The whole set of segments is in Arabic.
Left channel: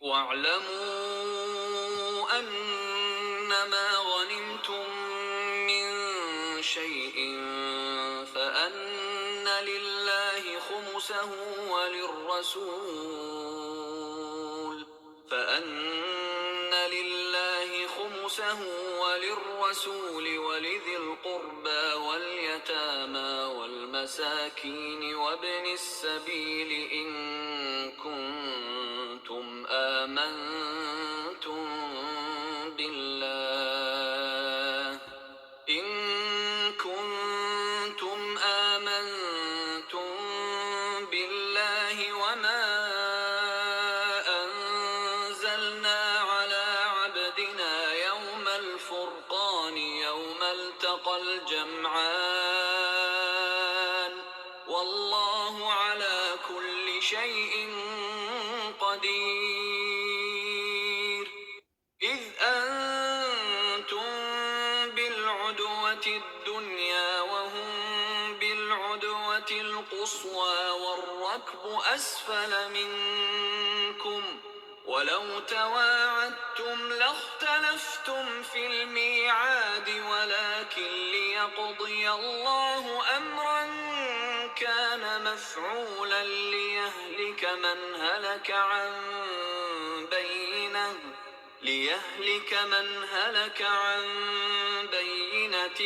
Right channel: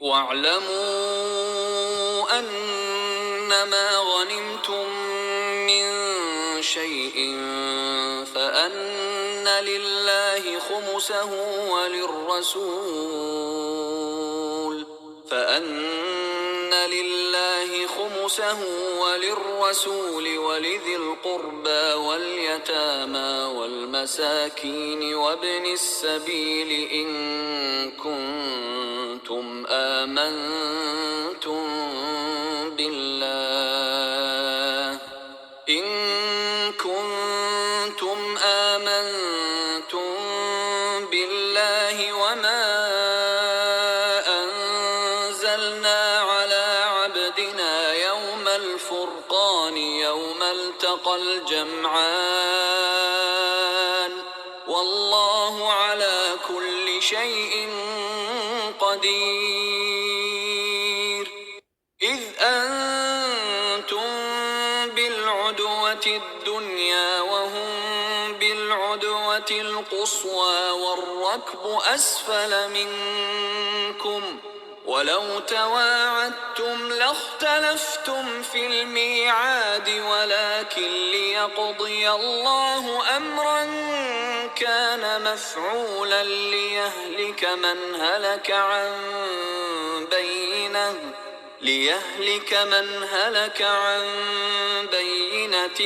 واعلموا أنما غنمتم من شيء فأن لله خمسه وللرسول ولذي القربى واليتامى والمساكين وابن السبيل إن كنتم آمنتم بالله وما أنزلنا على عبدنا يوم الفرقان يوم التقى الجمعان والله على كل شيء قدير. إذ أنتم بالعدوة الدنيا وهم بالعدوة القصوى والركب أسفل منكم ولو تواعدتم لاختلفتم في الميعاد ولكن ليقضي الله أمرا كان مفعولا ليهلك من هلك عن بينة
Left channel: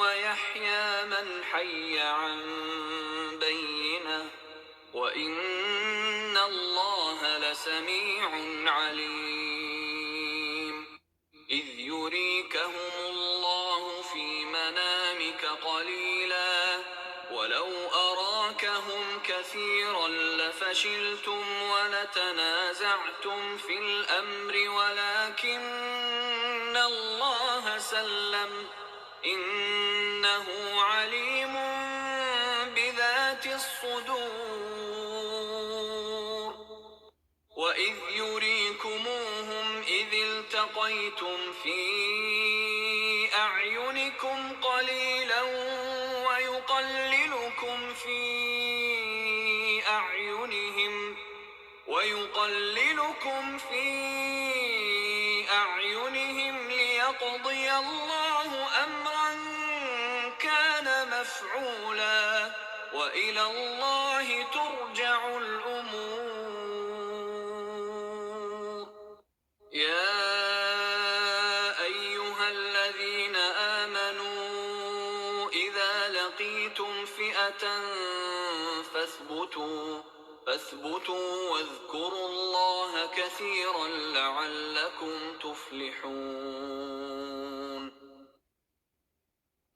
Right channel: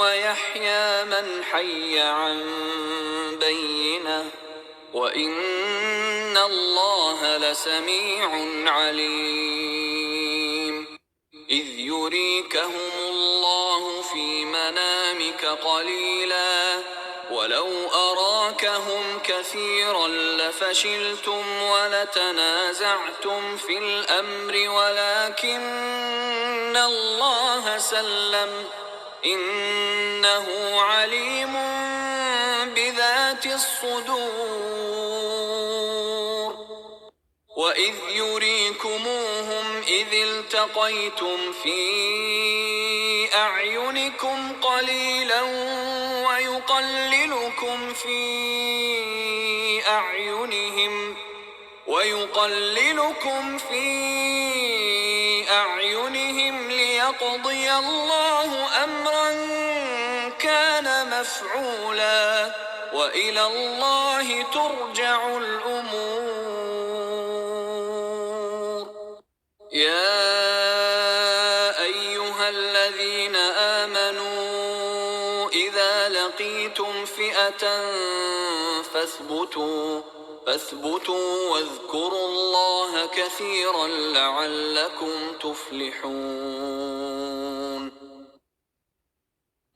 ويحيى من حي عن بينة وإن الله لسميع عليم. إذ يريكهم الله في منامك قليلا ولو أراكهم كثيرا لفشلتم ولتنازعتم في الأمر ولكن الله سلم إنه عليم بذات الصدور. وإذ يريكموهم إذ التقيتم في أعينكم قليلا ويقللكم في أعينهم ليقضي الله أمرا كان مفعولا وإلى الله ترجع الأمور. يا أيها الذين آمنوا إذا لقيتم فئة فاثبتوا واذكروا الله كثيرا لعلكم تفلحون.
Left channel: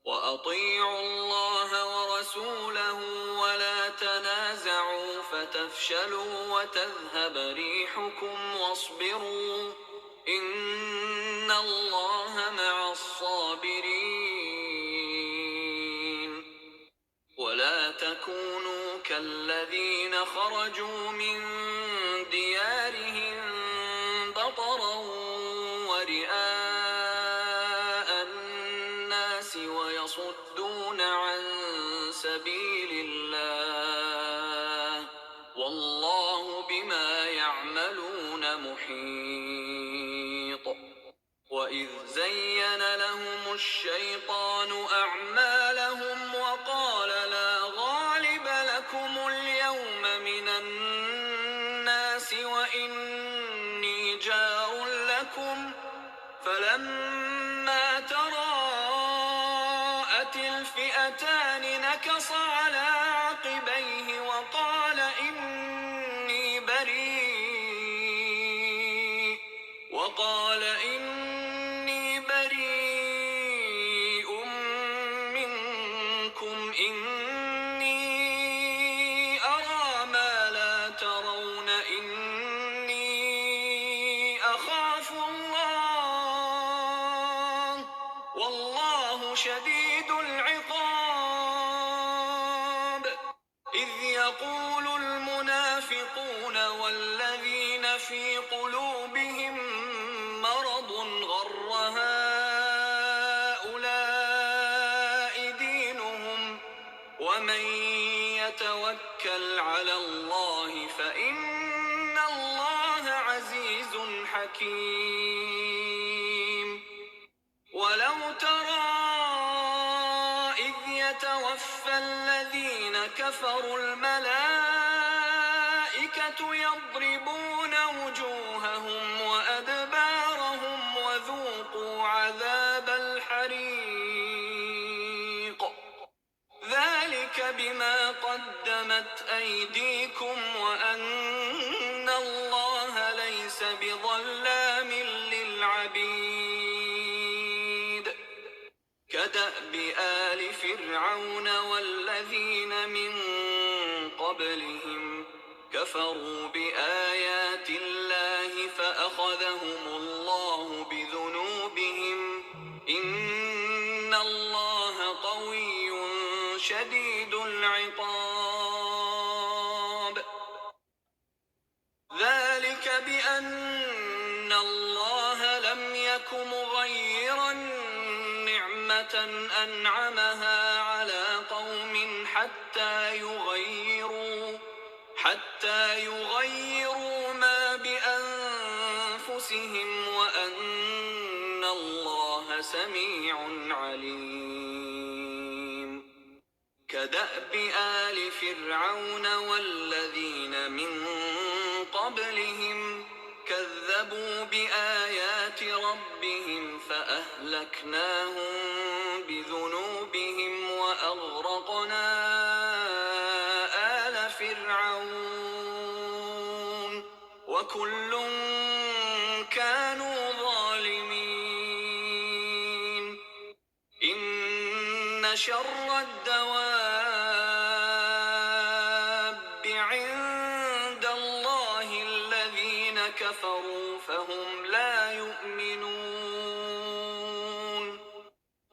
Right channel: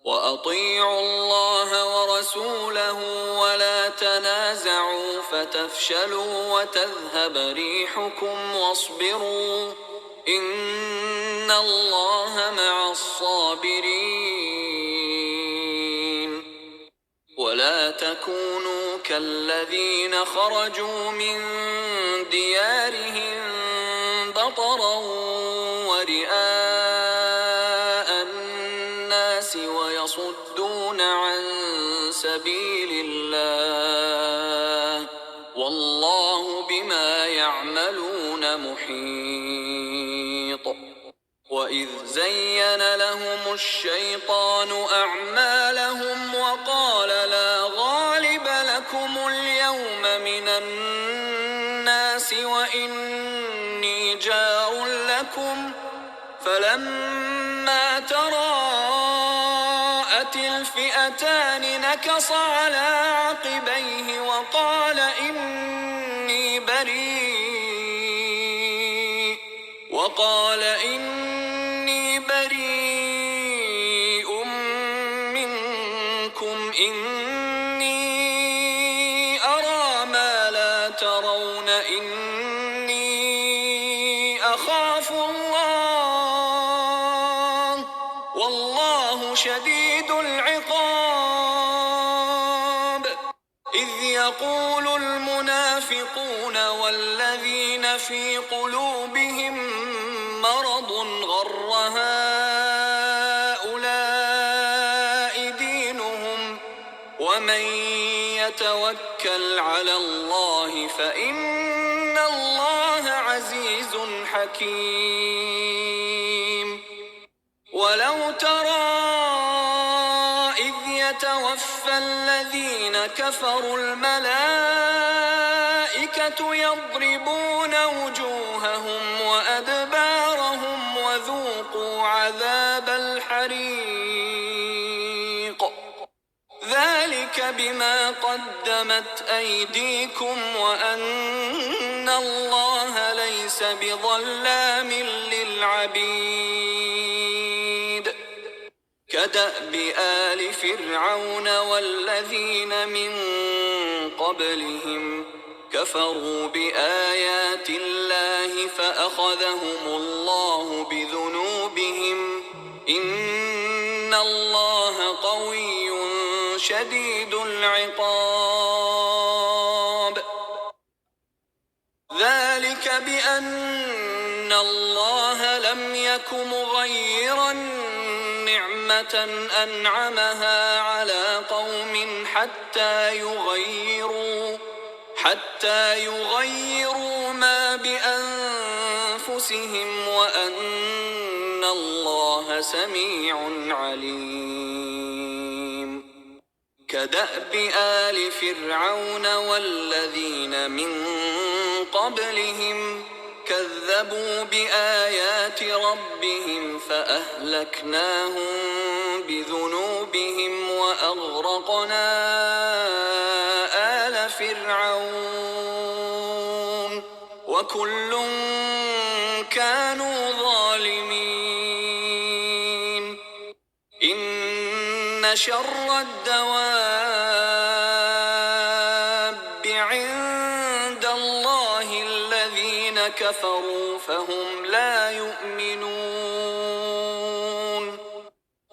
وأطيعوا الله ورسوله ولا تنازعوا فتفشلوا وتذهب ريحكم واصبروا إن الله مع الصابرين. ولا تكونوا كالذين خرجوا من ديارهم بطرا ورئاء الناس ويصدون عن سبيل الله والله بما يعملون محيط. وإذ زين لهم الشيطان أعمالهم وقال لا غالب لكم اليوم من الناس وإني جار لكم فلما تراءت الفئتان نكص على عقبيه وقال إني بريء منكم إني أرى ما لا ترون إني أخاف الله والله شديد العقاب. إذ يقول المنافقون والذين في قلوبهم مرض غر هؤلاء دينهم ومن يتوكل على الله فإن الله عزيز عزيز حكيم. ولو ترى إذ يتوفى الذين كفروا الملائكة يضربون وجوههم وأدبارهم وذوقوا عذاب الحريق ذلك بما قدمت أيديكم وأن الله ليس بظلام للعبيد. كدأب آل فرعون والذين من قبلهم كفروا بآيات الله فأخذهم الله بذنوبهم إن الله قوي شديد العقاب. ذلك بأن الله لم يك مغيرا نعمة أنعمها على قوم حتى يغيروا ما بأنفسهم وأن الله سميع عليم. كدأب آل فرعون والذين من قبلهم كذبوا بآيات ربهم فأهلكناهم بذنوبهم وأغرقنا آل فرعون وكل كانوا ظالمين. إن شر الدواب عند الله الذين كفروا فهم لا يؤمنون.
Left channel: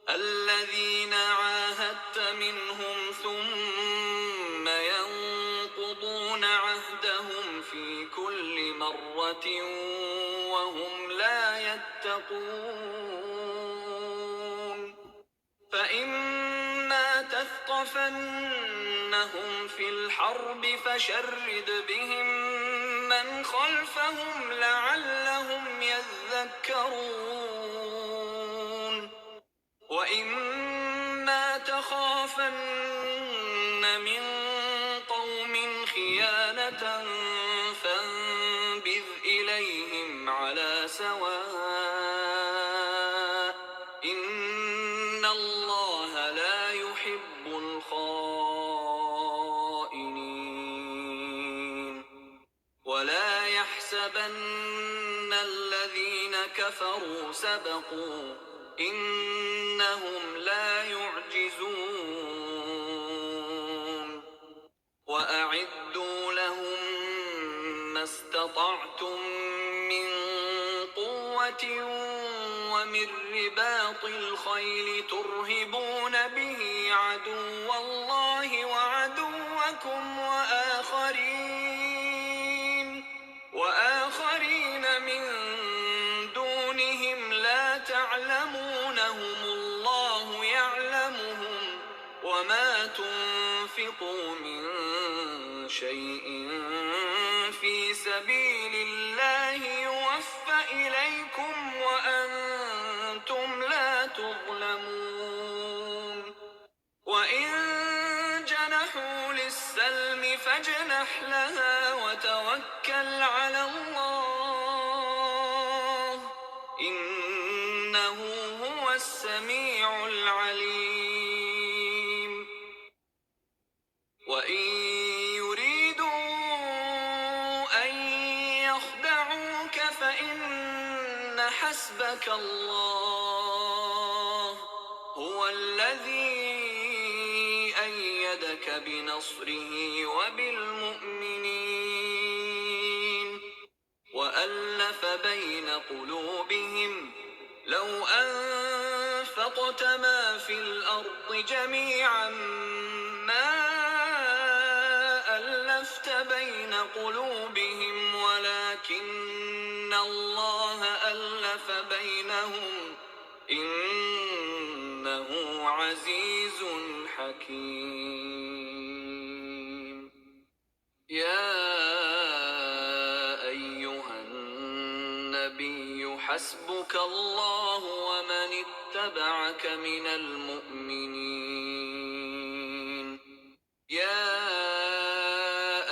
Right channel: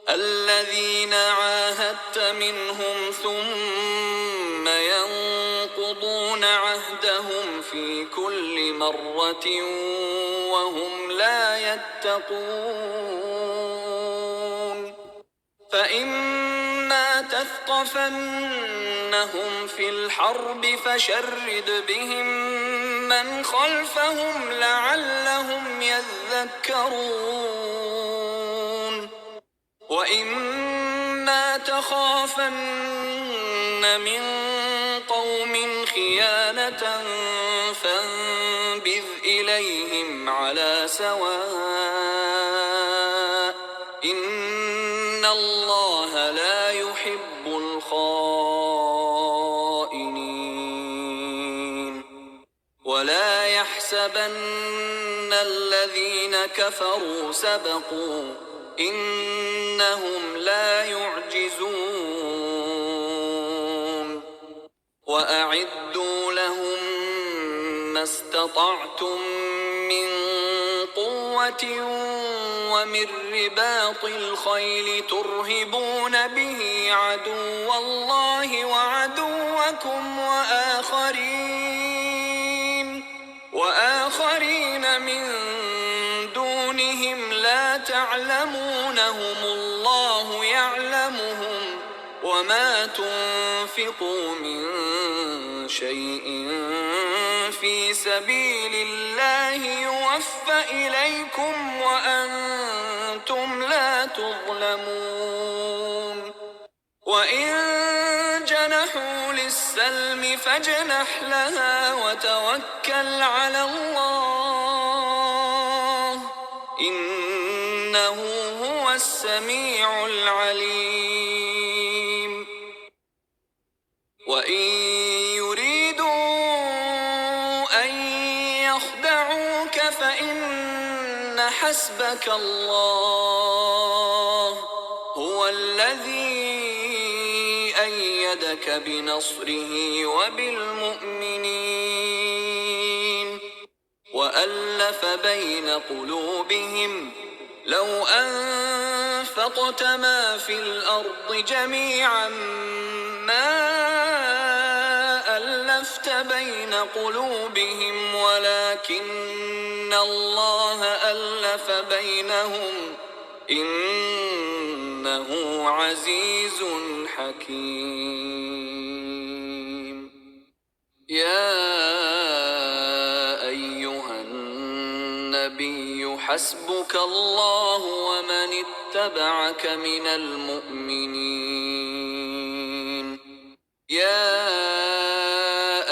الذين عاهدت منهم ثم ينقضون عهدهم في كل مرة وهم لا يتقون. فإما تثقفنهم في الحرب فشرد بهم من خلفهم لعلهم يذكرون. وإما تخافن من قوم خيانة فانبذ إليهم على سواء إن الله لا يحب الخائنين. ولا يحسبن الذين كفروا سبقوا إنهم لا يعجزون. وأعدوا لهم ما استطعتم من قوة ومن رباط الخيل ترهبون به عدو الله وعدوكم وآخرين من دونهم لا تعلمونهم الله يعلمهم وما تنفقوا من شيء في سبيل الله يوفى إليكم وأنتم لا تظلمون. وإن جنحوا للسلم فاجنح لها وتوكل على الله إنه هو السميع العليم. وإن يريدوا أن يخدعوك فإن حسبك الله هو الذي أيدك بنصره وبالمؤمنين وألف بين قلوبهم لو أنفقت ما في الأرض جميعا ما ألفت بين قلوبهم ولكن الله ألف بينهم إنه عزيز حكيم. يا أيها النبي حسبك الله ومن اتبعك من المؤمنين يا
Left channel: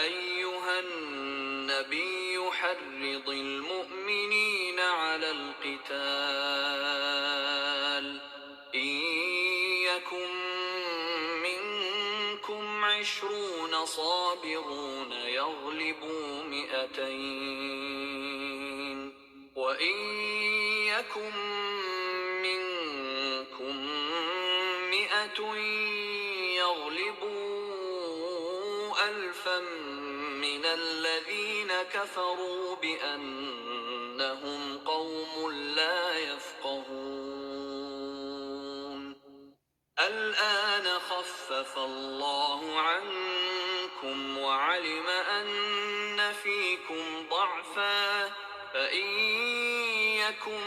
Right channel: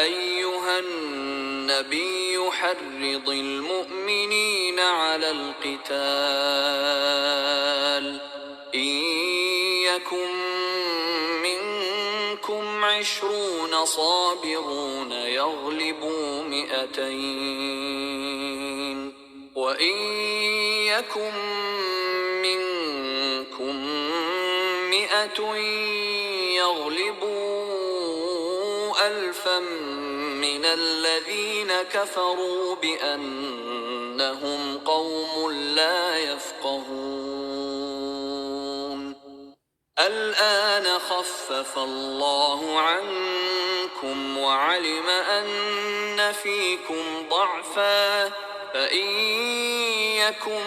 أيها النبي حرض المؤمنين على القتال إن يكن منكم 20 صابرون يغلبوا 200 وإن يكن منكم 100 يغلبوا 1000 من الذين كفروا بأنهم قوم لا يفقهون الآن خفف الله عنكم وعلم أن فيكم ضعفا فإن يكن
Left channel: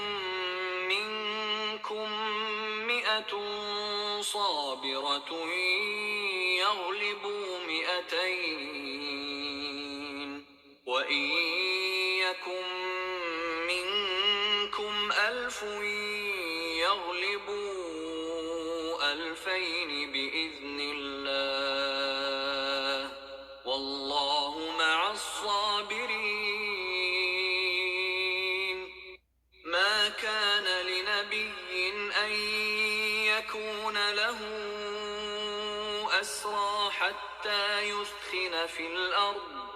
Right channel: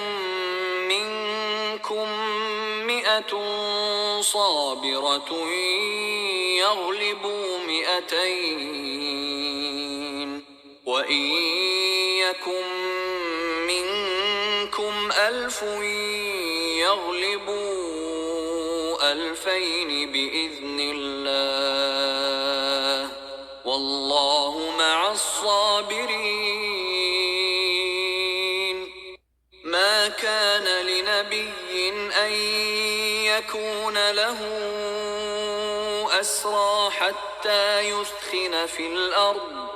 منكم 100 صابرة يغلبوا 200 وإن يكن منكم 1000 يغلبوا 2000 بإذن الله والله مع الصابرين ما كان لنبي أن يكون له أسرى حتى يثخن في الأرض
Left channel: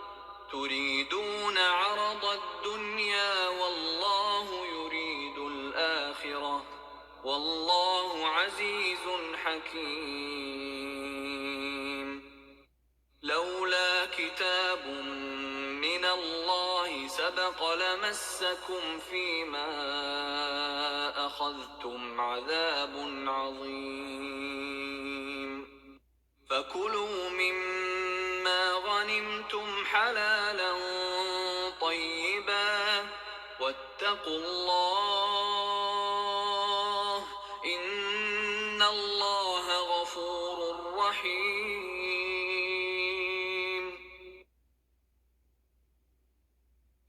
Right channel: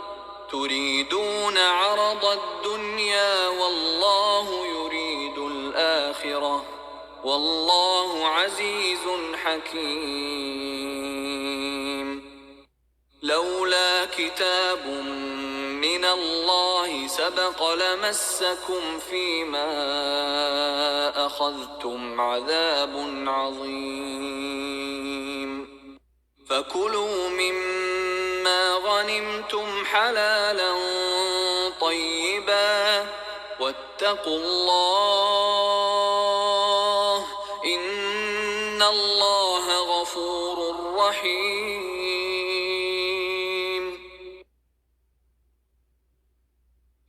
تريدون عرض الدنيا والله يريد الآخرة والله عزيز حكيم لولا كتاب من الله سبق لمسكم فيما أخذتم عذاب عظيم فكلوا مما غنمتم حلالا طيبا واتقوا الله إن الله غفور رحيم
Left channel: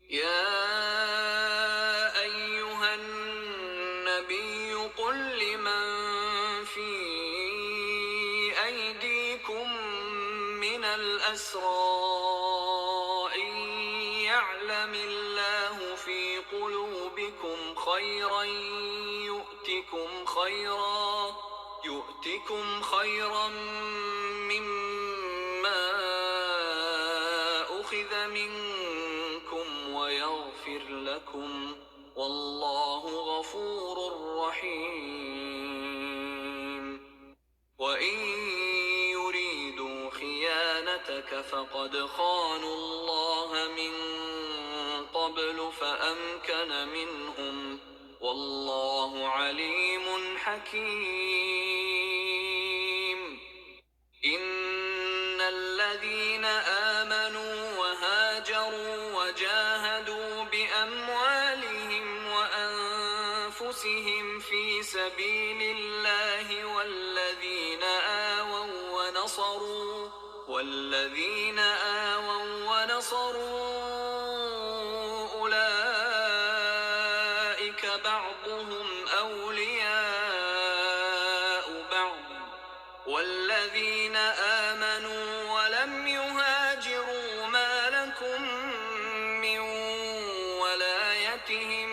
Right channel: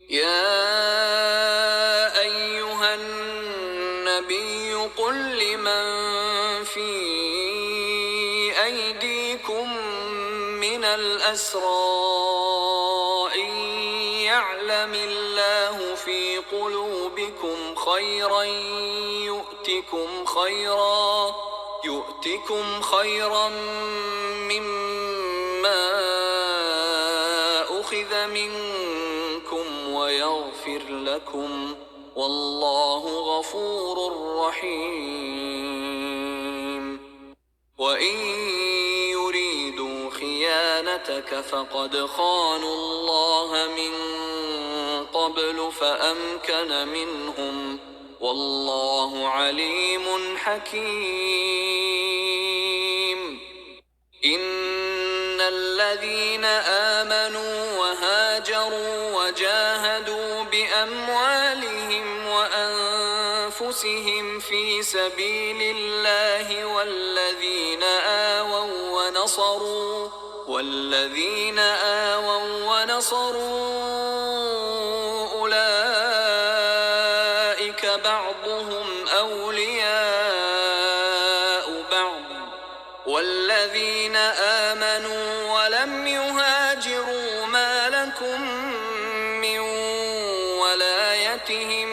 يا أيها النبي قل لمن في أيديكم من الأسرى إن يعلم الله في قلوبكم خيرا يؤتكم خيرا مما أخذ منكم ويغفر لكم والله غفور رحيم وإن يريدوا خيانتك فقد خانوا الله من قبل فأمكن منهم والله عليم حكيم إن الذين آمنوا وهاجروا وجاهدوا بأموالهم وأنفسهم في سبيل الله والذين آووا ونصروا أولئك بعضهم أولياء بعض والذين آمنوا ولم يهاجروا ما لكم من ولايتهم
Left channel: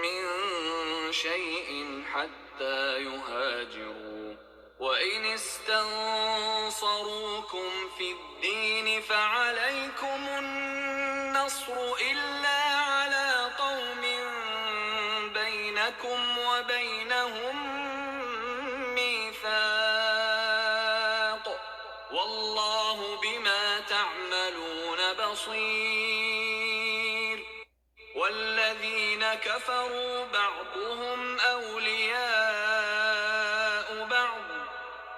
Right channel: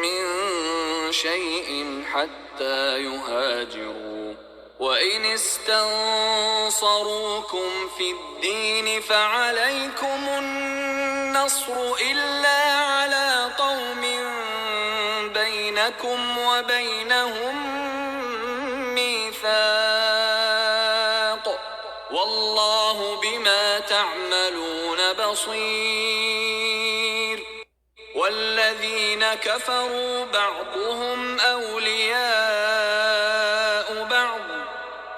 من شيء حتى يهاجروا وإن استنصروكم في الدين فعليكم النصر إلا على قوم بينكم وبينهم ميثاق والله بما تعملون بصير والذين كفروا بعضهم أولياء بعض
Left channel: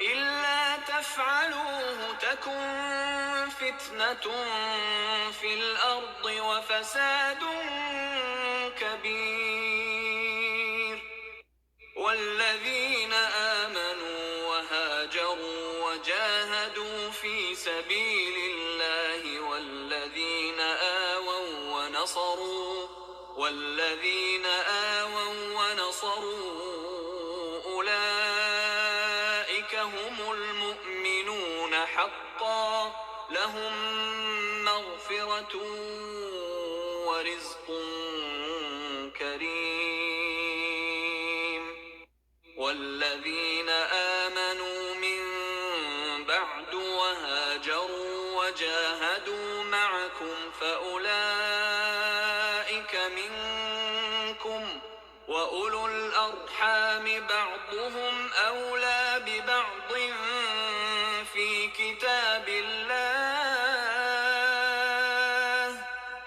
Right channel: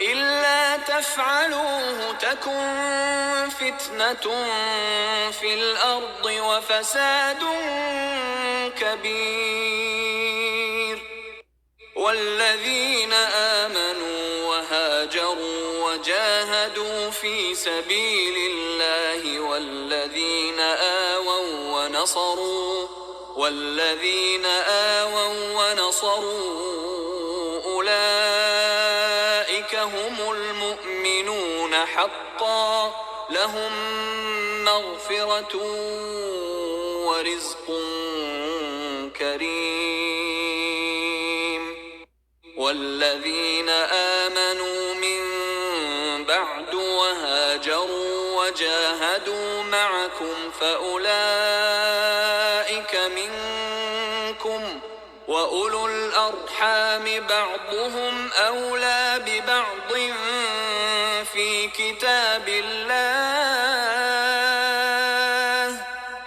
إلا تفعلوه تكن فتنة في الأرض وفساد كبير والذين آمنوا وهاجروا وجاهدوا في سبيل الله والذين آووا والذين آووا ونصروا أولئك هم المؤمنون حقا لهم مغفرة ورزق كريم والذين آمنوا من بعد وهاجروا وجاهدوا معكم فأولئك منكم وأولو الأرحام بعضهم أولى ببعض في كتاب الله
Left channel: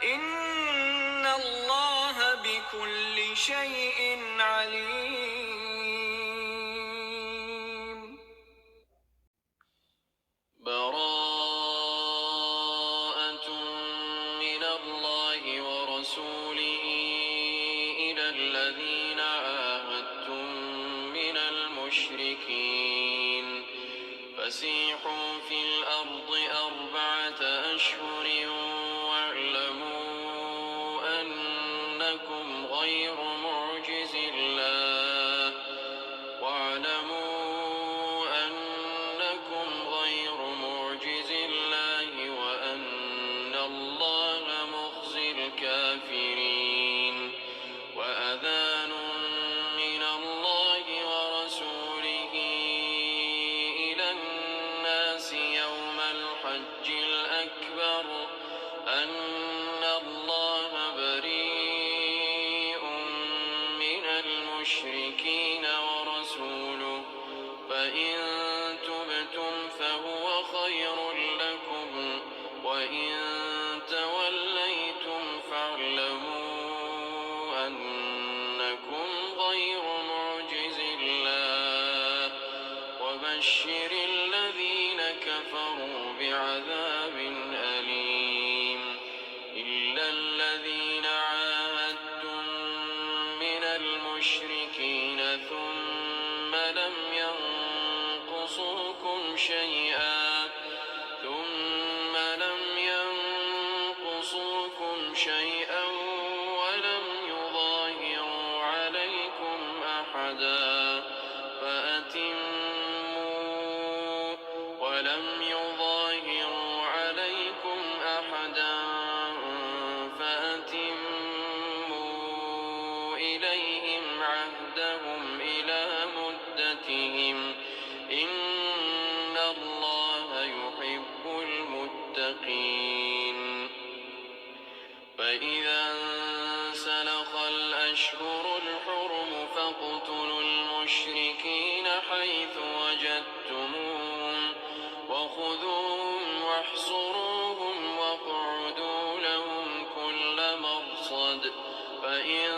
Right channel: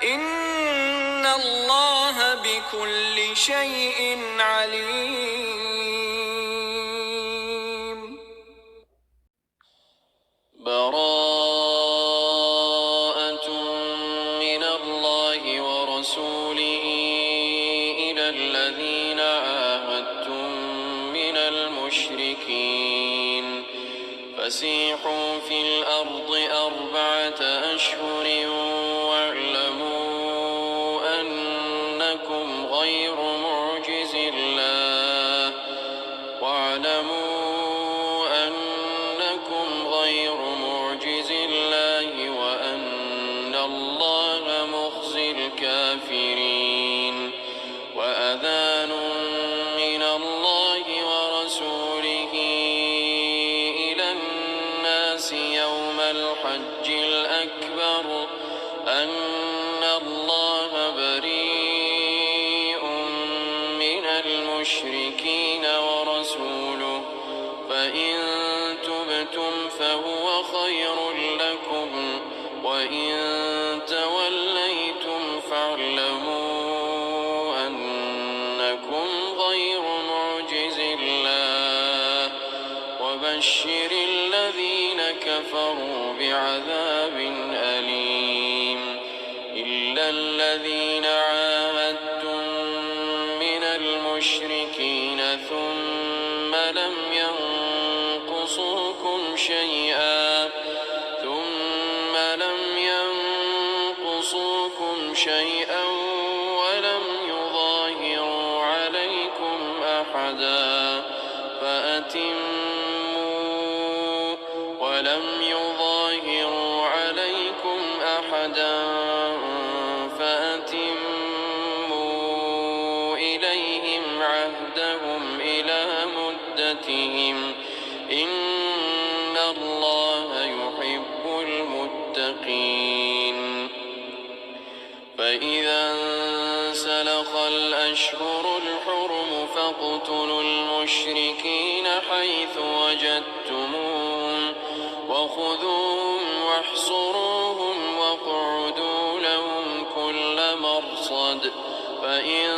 إن الله بكل شيء عليم. براءة من الله ورسوله إلى الذين عاهدتم من المشركين فسيحوا في الأرض 4 أشهر واعلموا أنكم غير معجز الله وأن الله مخزي الكافرين وأذان من الله ورسوله إلى الناس يوم الحج الأكبر أن الله بريء من المشركين ورسوله فإن تبتم فهو خير لكم وإن توليتم فاعلموا أنكم غير معجز الله وبشر الذين كفروا بعذاب أليم إلا الذين عاهدتم من المشركين ثم لم ينقصوكم شيئا ولم يظاهروا عليكم أحدا فأتموا إليهم عهدهم إلى مدتهم إن الله يحب المتقين فإذا انسلخ الأشهر الحرم فاقتلوا المشركين حيث وجدتموهم وخذوهم واحصروهم واقعدوا لهم كل مرصد فإن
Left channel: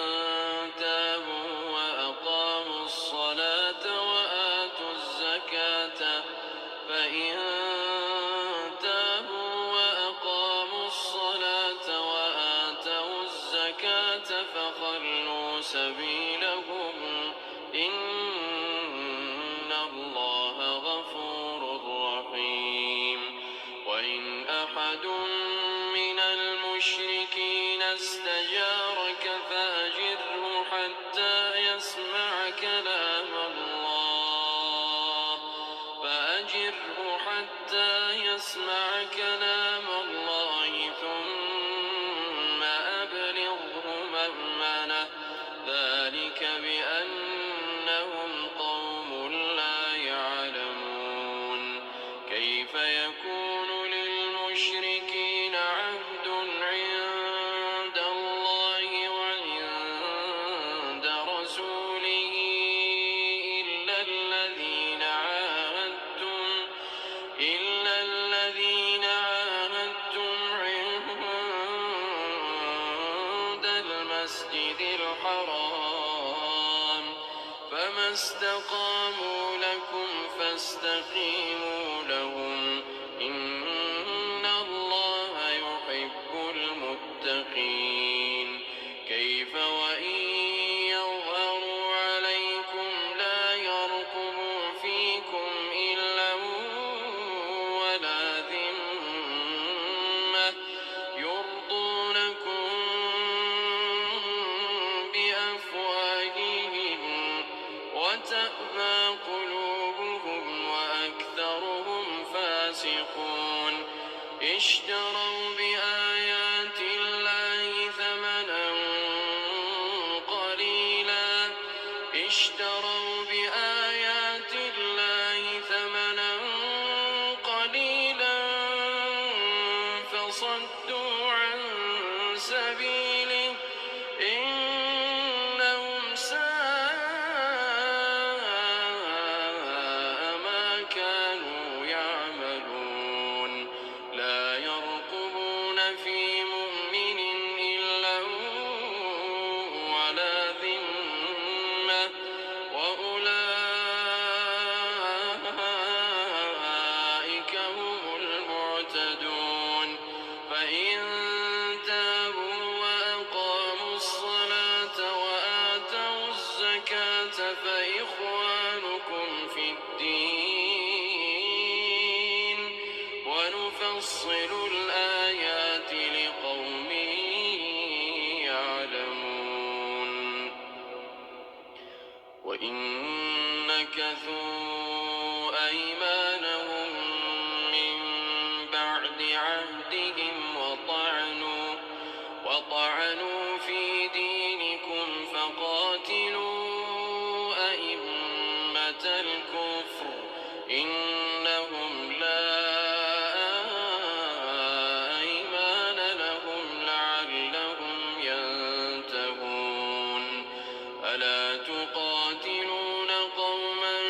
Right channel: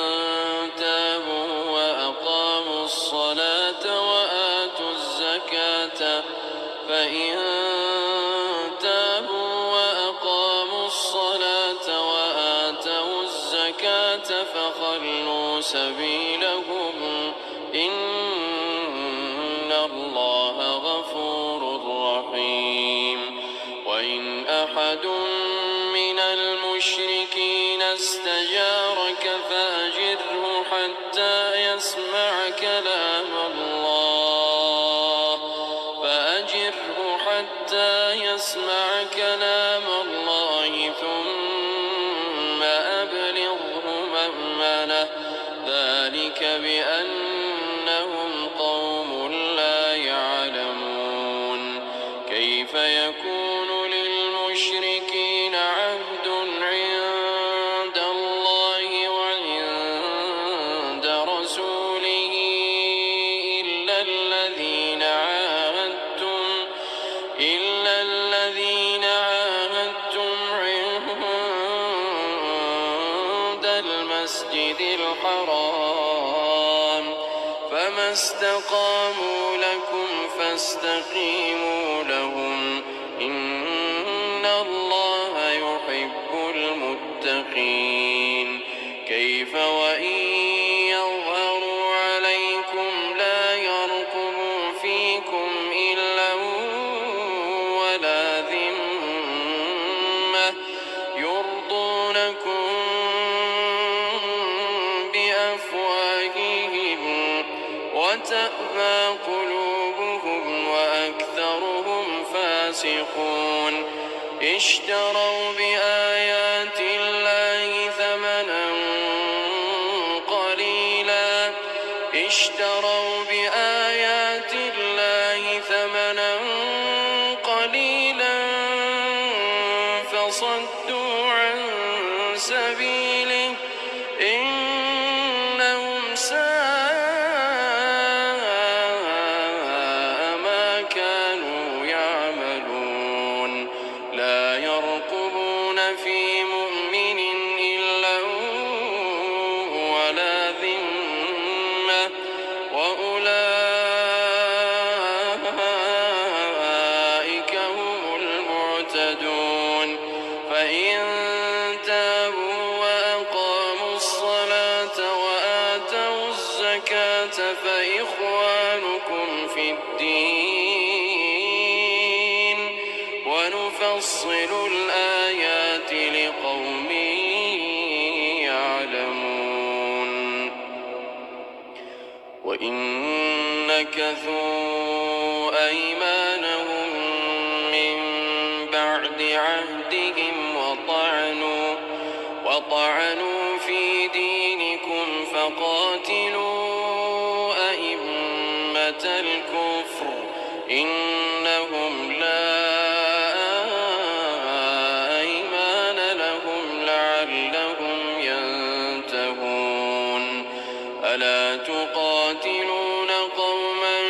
تابوا وأقاموا الصلاة وآتوا الزكاة فخلوا سبيلهم إن الله غفور رحيم وإن أحد من المشركين استجارك فأجره حتى يسمع كلام الله ثم أبلغه مأمنه ذلك بأنهم قوم لا يعلمون كيف يكون للمشركين عهد عند الله وعند رسوله إلا الذين عاهدتم عند المسجد الحرام فما استقاموا لكم فاستقيموا لهم إن الله يحب المتقين كيف وإن يظهروا عليكم لا يرقبوا فيكم إلا ولا ذمة يرضونكم فاسقون اشتروا بآيات الله ثمنا قليلا فصدوا عن سبيله إنهم ساء ما كانوا يعملون لا يرقبون في مؤمن إلا ولا ذمة وأولئك هم المعتدون فإن تابوا وأقاموا الصلاة وآتوا الزكاة فإخوانكم في الدين ونفصل الآيات لقوم يعلمون وإن نكثوا أيمانهم من بعد عهدهم وطعنوا في دينكم فقاتلوا أئمة الكفر إنهم لا أيمان لهم لعلهم ينتهون ألا تقاتلون قوما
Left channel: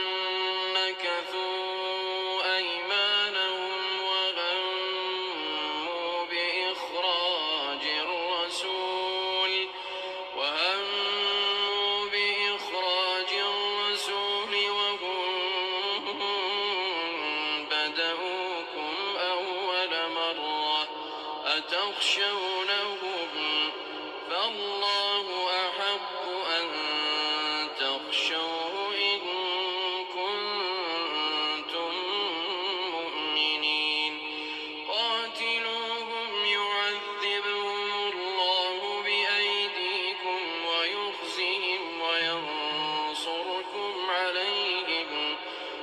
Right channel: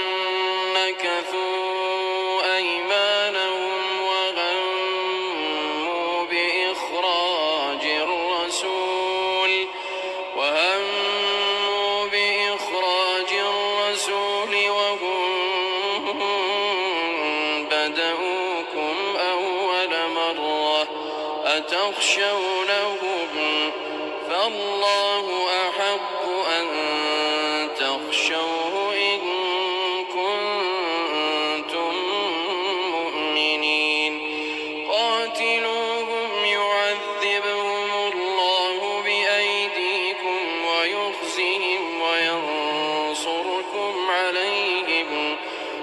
نكثوا أيمانهم وهموا بإخراج الرسول وهم بدؤوكم أول مرة أتخشونهم فالله أحق أن تخشوه إن كنتم مؤمنين قاتلوهم يعذبهم الله بأيديكم ويخزهم وينصركم عليهم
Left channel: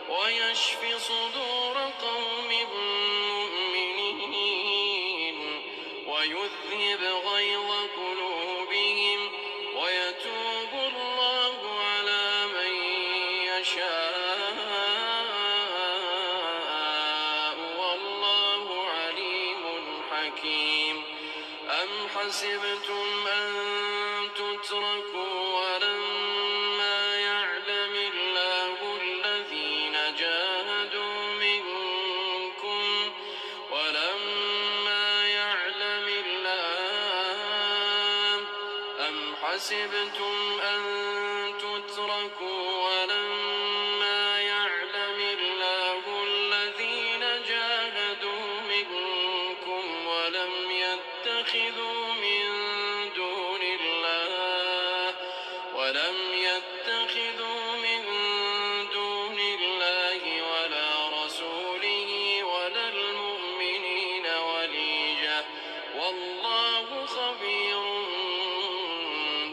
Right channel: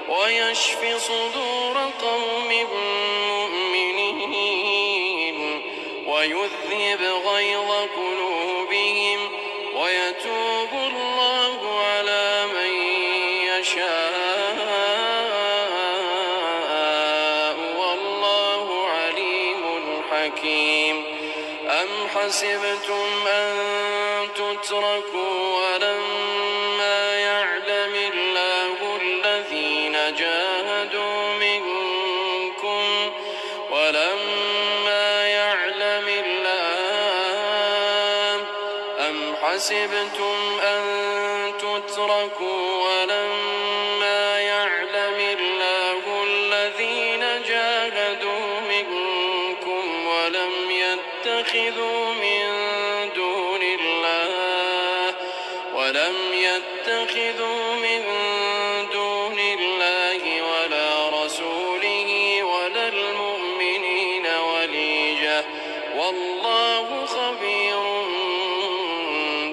ويشف صدور قوم مؤمنين ويذهب غيظ قلوبهم ويتوب الله على من يشاء والله عليم حكيم أم حسبتم أن تتركوا ولما يعلم الله الذين جاهدوا منكم أم حسبتم أن تتركوا ولما يعلم الله الذين جاهدوا منكم ولم يتخذوا من دون الله ولا رسوله ولا المؤمنين وليجة والله خبير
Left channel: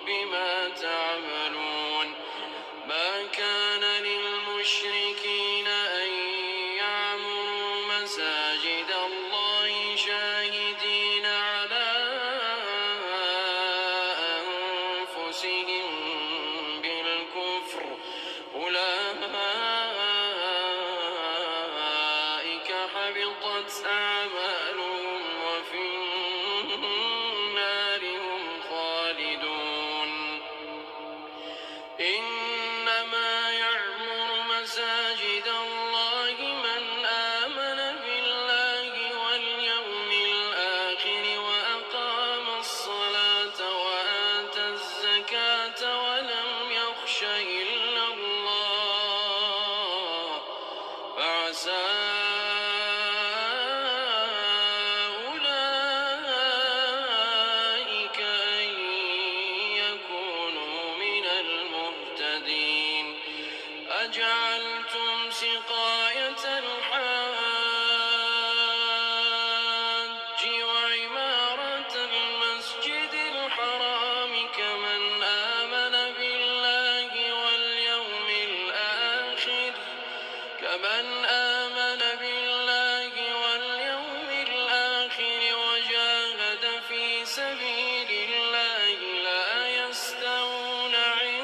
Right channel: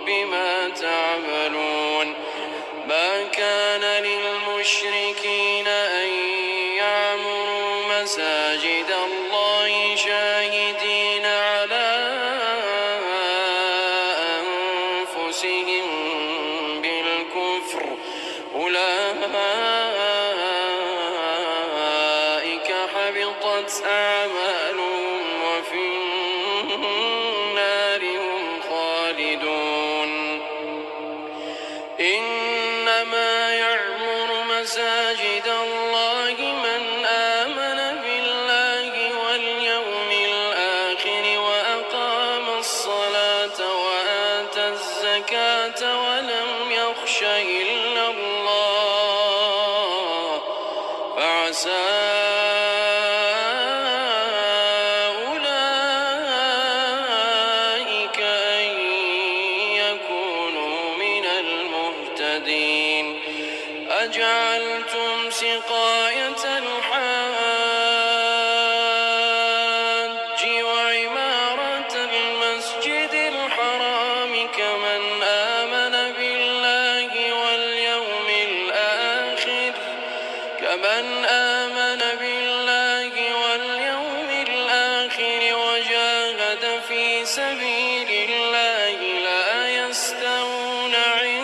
بما تعملون ما كان للمشركين أن يعمروا مساجد الله شاهدين على أنفسهم بالكفر أولئك حبطت أعمالهم وفي النار هم خالدون إنما يعمر مساجد الله من آمن بالله واليوم الآخر وأقام الصلاة وآتى الزكاة ولم يخش إلا الله فعسى أولئك أن يكونوا من المهتدين أجعلتم سقاية الحاج وعمارة المسجد الحرام كمن آمن بالله واليوم الآخر سبيل الله لا يستوون عند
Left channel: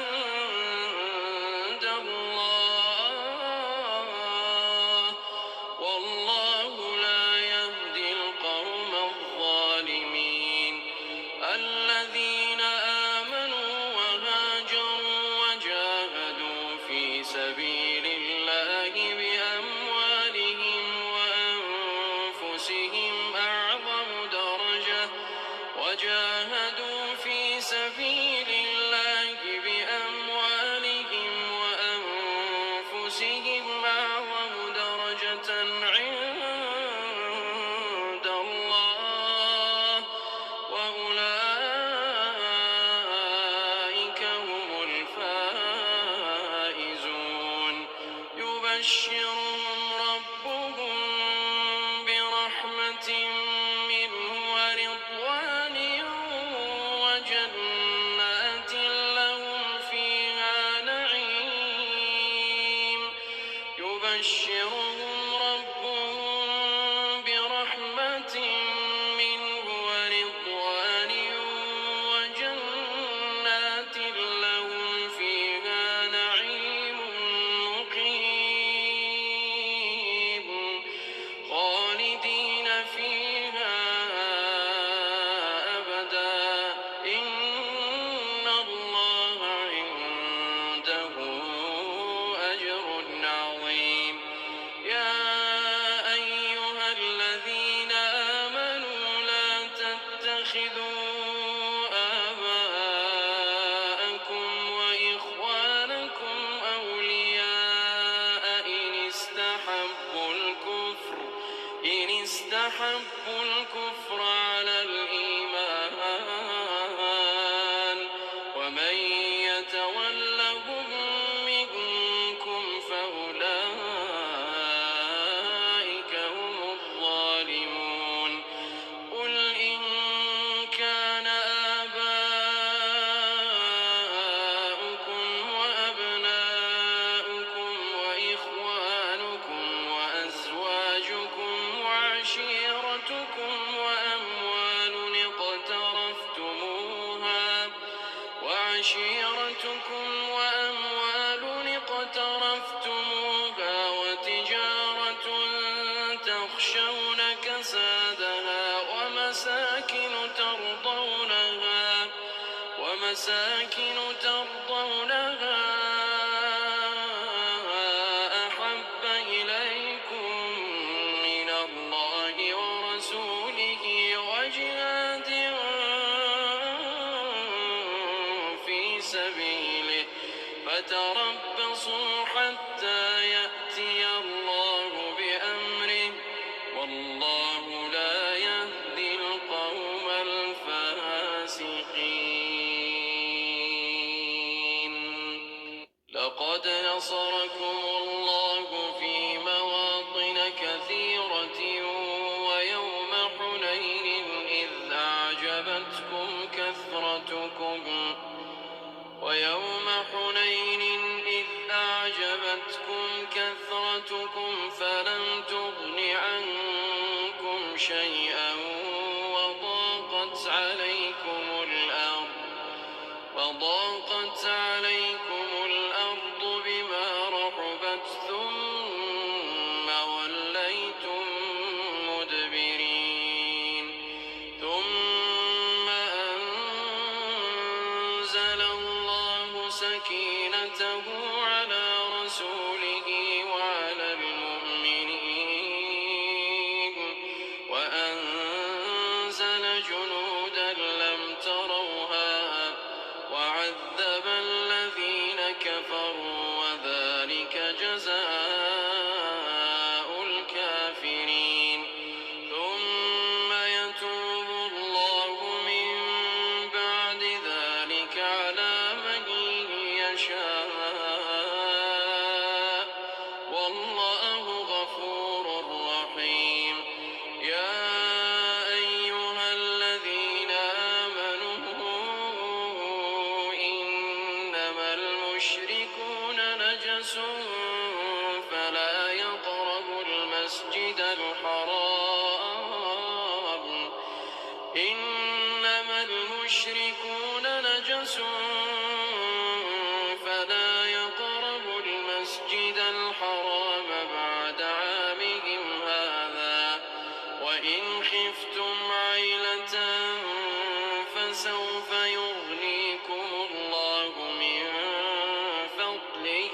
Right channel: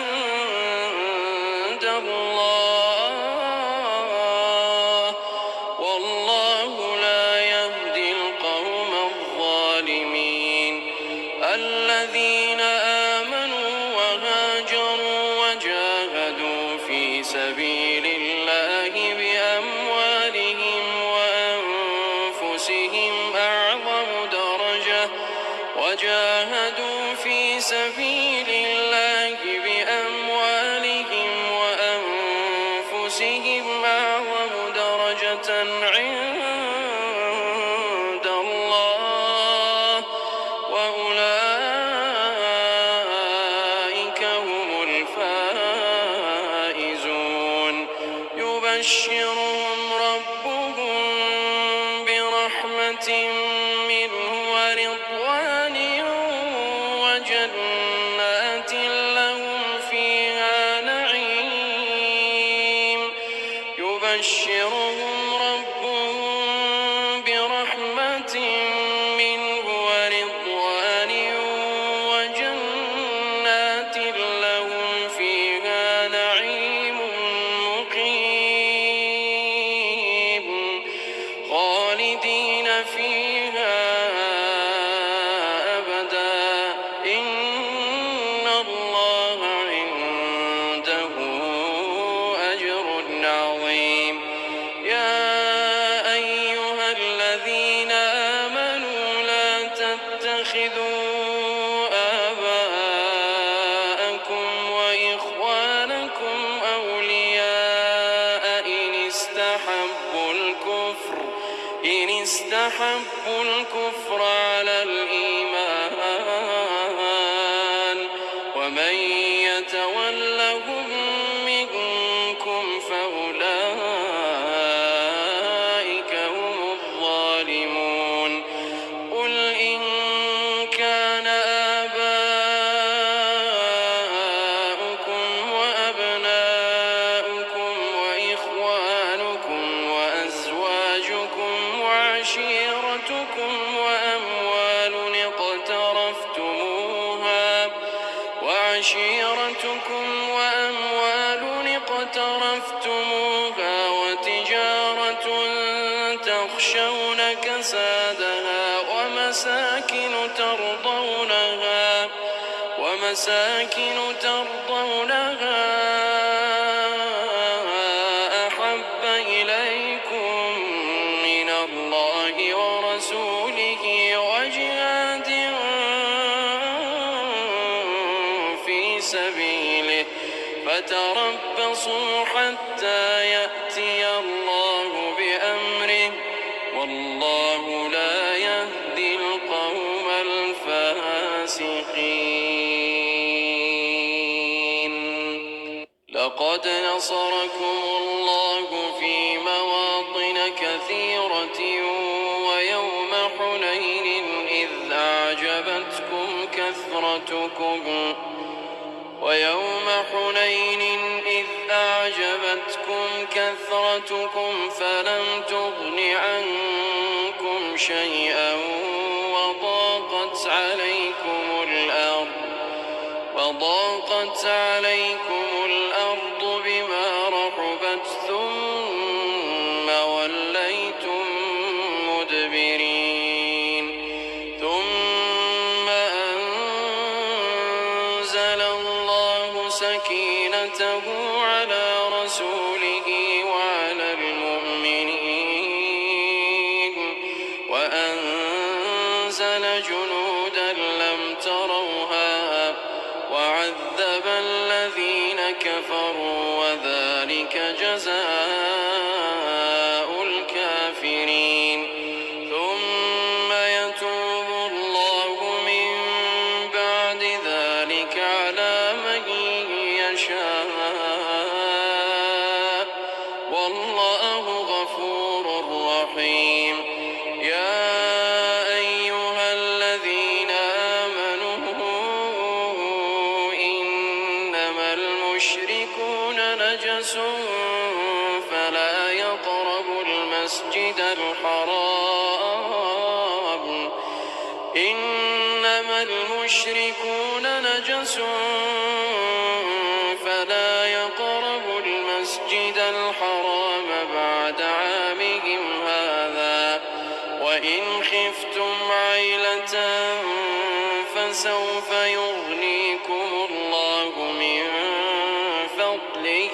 الله والله لا يهدي القوم الظالمين الذين آمنوا وهاجروا وجاهدوا في سبيل الله بأموالهم وأنفسهم أعظم درجة عند الله وأولئك هم الفائزون يبشرهم ربهم برحمة منه ورضوان وجنات لهم فيها نعيم يبشرهم ربهم برحمة منه ورضوان وجنات لهم فيها نعيم مقيم خالدين فيها أبدا إن الله عنده أجر عظيم يا أيها الذين آمنوا لا تتخذوا آباءكم وإخوانكم أولياء إن استحبوا الكفر على الإيمان ومن يتولهم منكم فأولئك هم الظالمون قل إن كان آباؤكم وأبناؤكم وإخوانكم وأزواجكم وعشيرتكم وأموال اقترفتموها وتجارة تخشون كسادها ومساكن ترضونها أحب إليكم من الله ورسوله وجهاد في سبيله فتربصوا حتى يأتي الله بأمره والله لا يهدي القوم الفاسقين لقد نصركم الله في مواطن كثيرة ويوم حنين إذ أعجبتكم كثرتكم فلم تغن عنكم شيئا وضاقت عليكم الأرض بما رحبت ثم وليتم مدبرين ثم أنزل الله سكينته على رسوله وعلى المؤمنين وأنزل جنودا لم تروها وعذب الذين كفروا وذلك جزاء الكافرين ثم يتوب الله من بعد ذلك على من يشاء والله غفور رحيم يا أيها الذين آمنوا إنما المشركون نجس فلا يقربوا المسجد الحرام إنما المشركون نجس فلا يقربوا المسجد الحرام بعد عامهم هذا وإن خفتم عيلة فسوف يغنيكم الله من فضله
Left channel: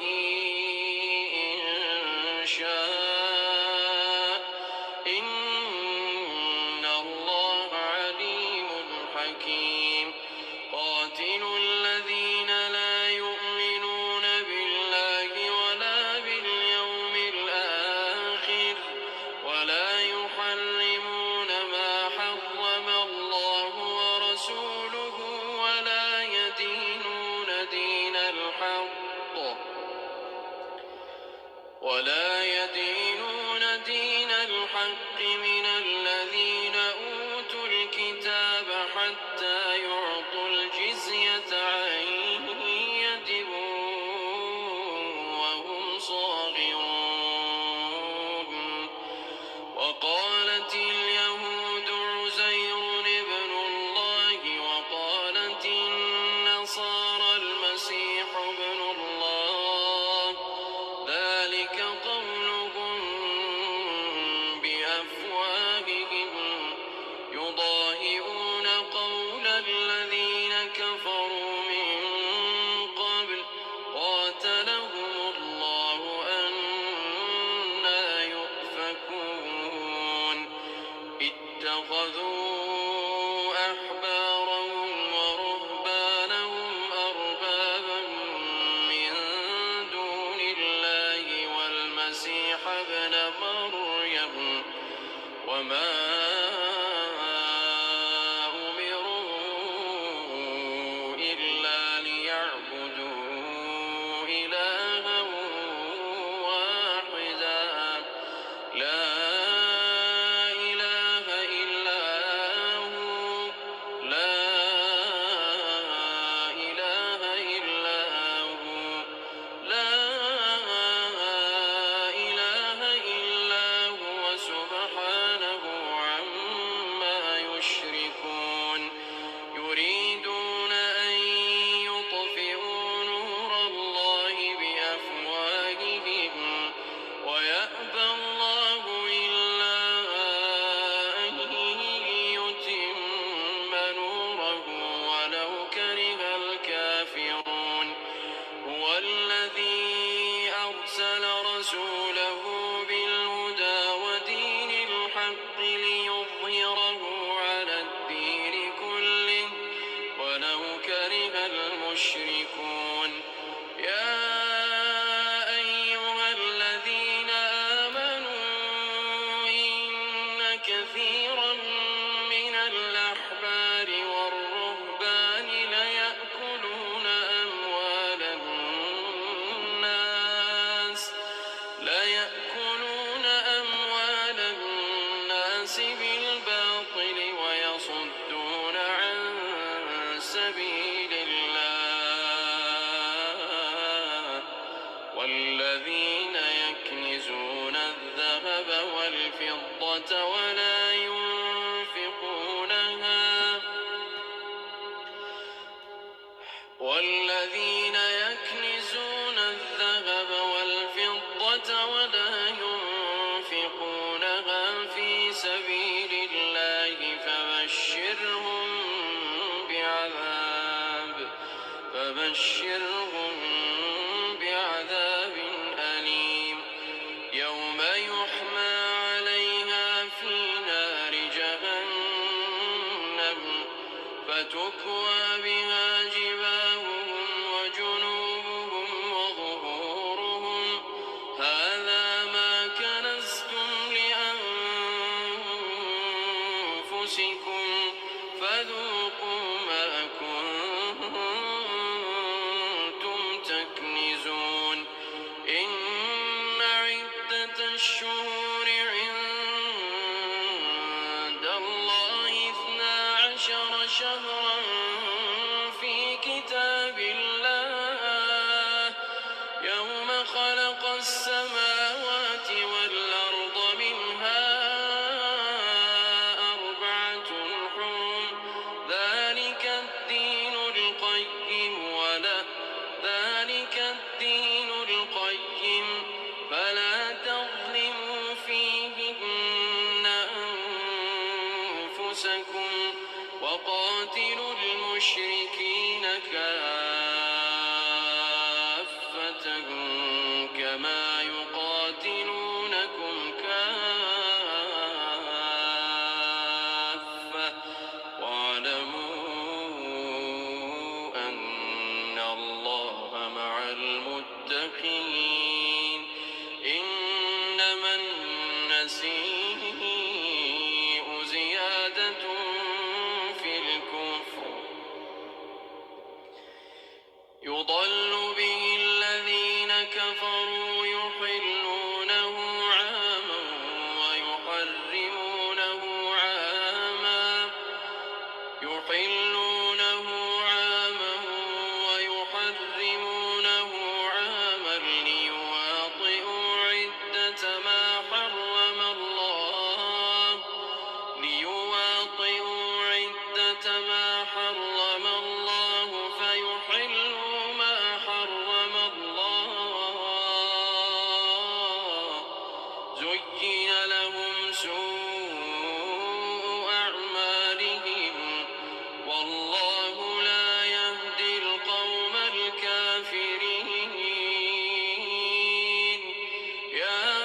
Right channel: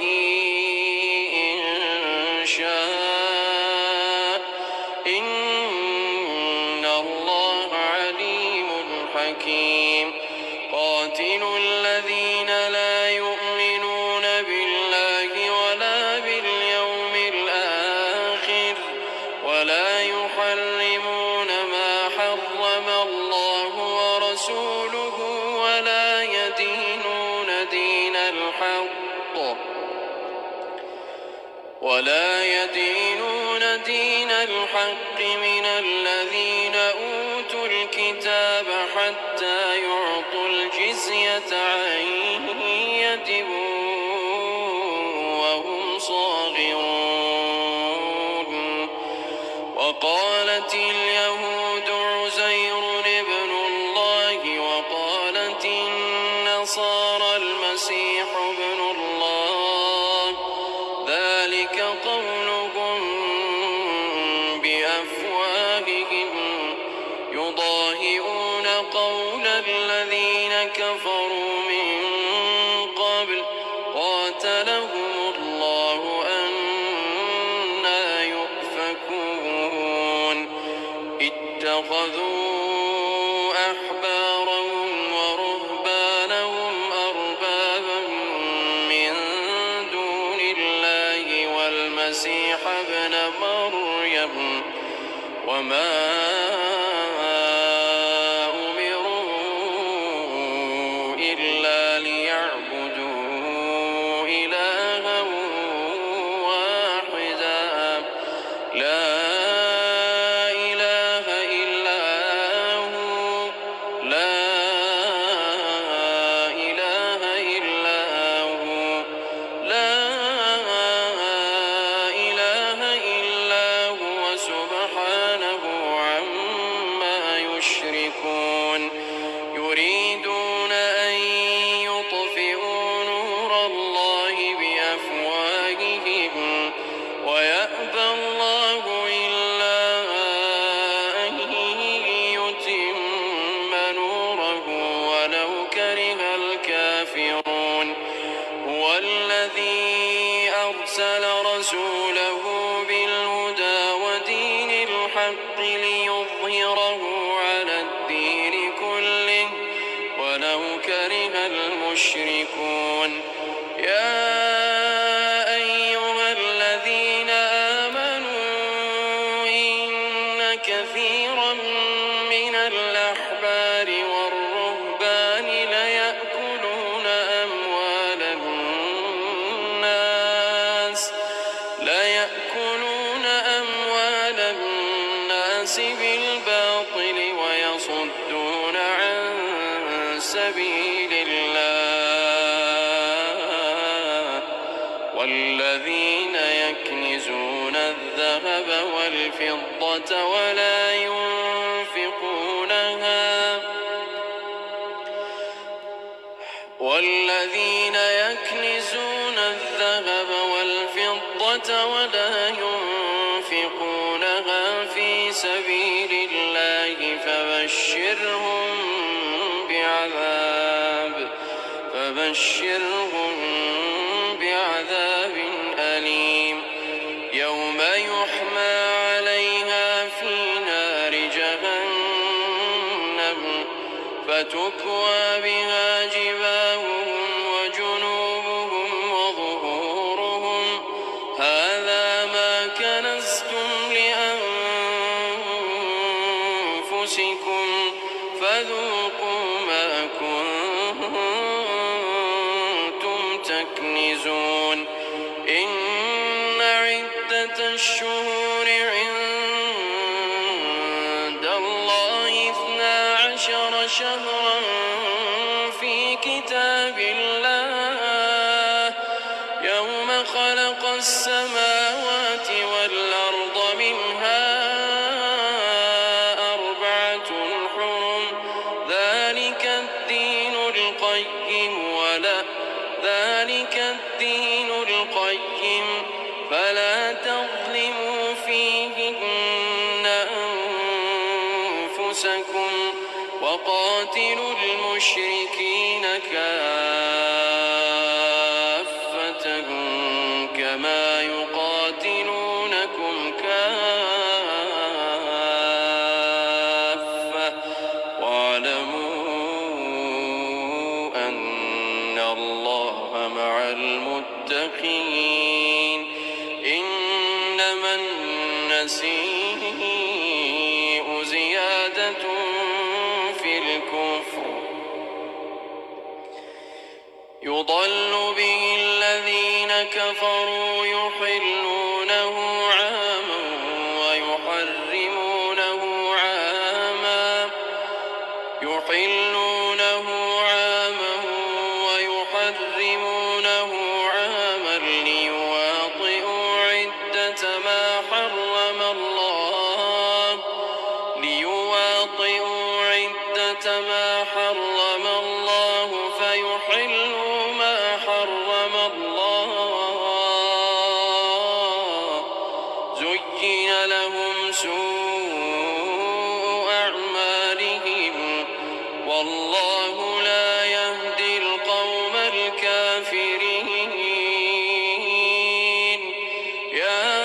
إن شاء إن الله عليم حكيم قاتلوا الذين لا يؤمنون بالله ولا باليوم الآخر ولا يحرمون ما حرم الله ورسوله ولا يدينون دين الحق من الذين أوتوا الكتاب حتى يعطوا الجزية عن يد وهم صاغرون وقالت اليهود عزير ابن الله وقالت النصارى المسيح ابن الله ذلك قولهم بأفواههم يضاهئون قول الذين كفروا من قبل قاتلهم الله أنى يؤفكون اتخذوا أحبارهم ورهبانهم أربابا من دون الله والمسيح ابن مريم وما أمروا إلا ليعبدوا إلها واحدا لا إله إلا هو لا إله إلا هو لا إله إلا هو سبحانه عما يشركون يريدون أن يطفئوا نور الله بأفواههم ويأبى الله إلا أن يتم نوره ولو كره الكافرون هو الذي أرسل رسوله بالهدى ودين الحق ليظهره على الدين كله ولو كره المشركون يا أيها الذين آمنوا إن كثيرا من الأحبار والرهبان ليأكلون أموال الناس بالباطل ويصدون عن سبيل الله والذين يكنزون الذهب والفضة ولا ينفقونها في سبيل الله فبشرهم بعذاب أليم يوم يحمى عليها في نار جهنم فتكوى بها جباههم وجنوبهم وظهورهم هذا ما كنزتم لأنفسكم فذوقوا ما كنتم تكنزون إن عدة الشهور عند الله 12 شهرا في كتاب الله يوم خلق السماوات والأرض منها 4 حرم قاتلوا المشركين كافة كما يقاتلونكم كافة واعلموا أن الله مع المتقين إنما النسيء زيادة في الكفر يضل به الذين كفروا يحلونه عاما ويحرمونه عاما ليواطئوا عدة ما حرم الله فيحلوا ما حرم الله زين لهم سوء أعمالهم والله لا يهدي القوم الكافرين يا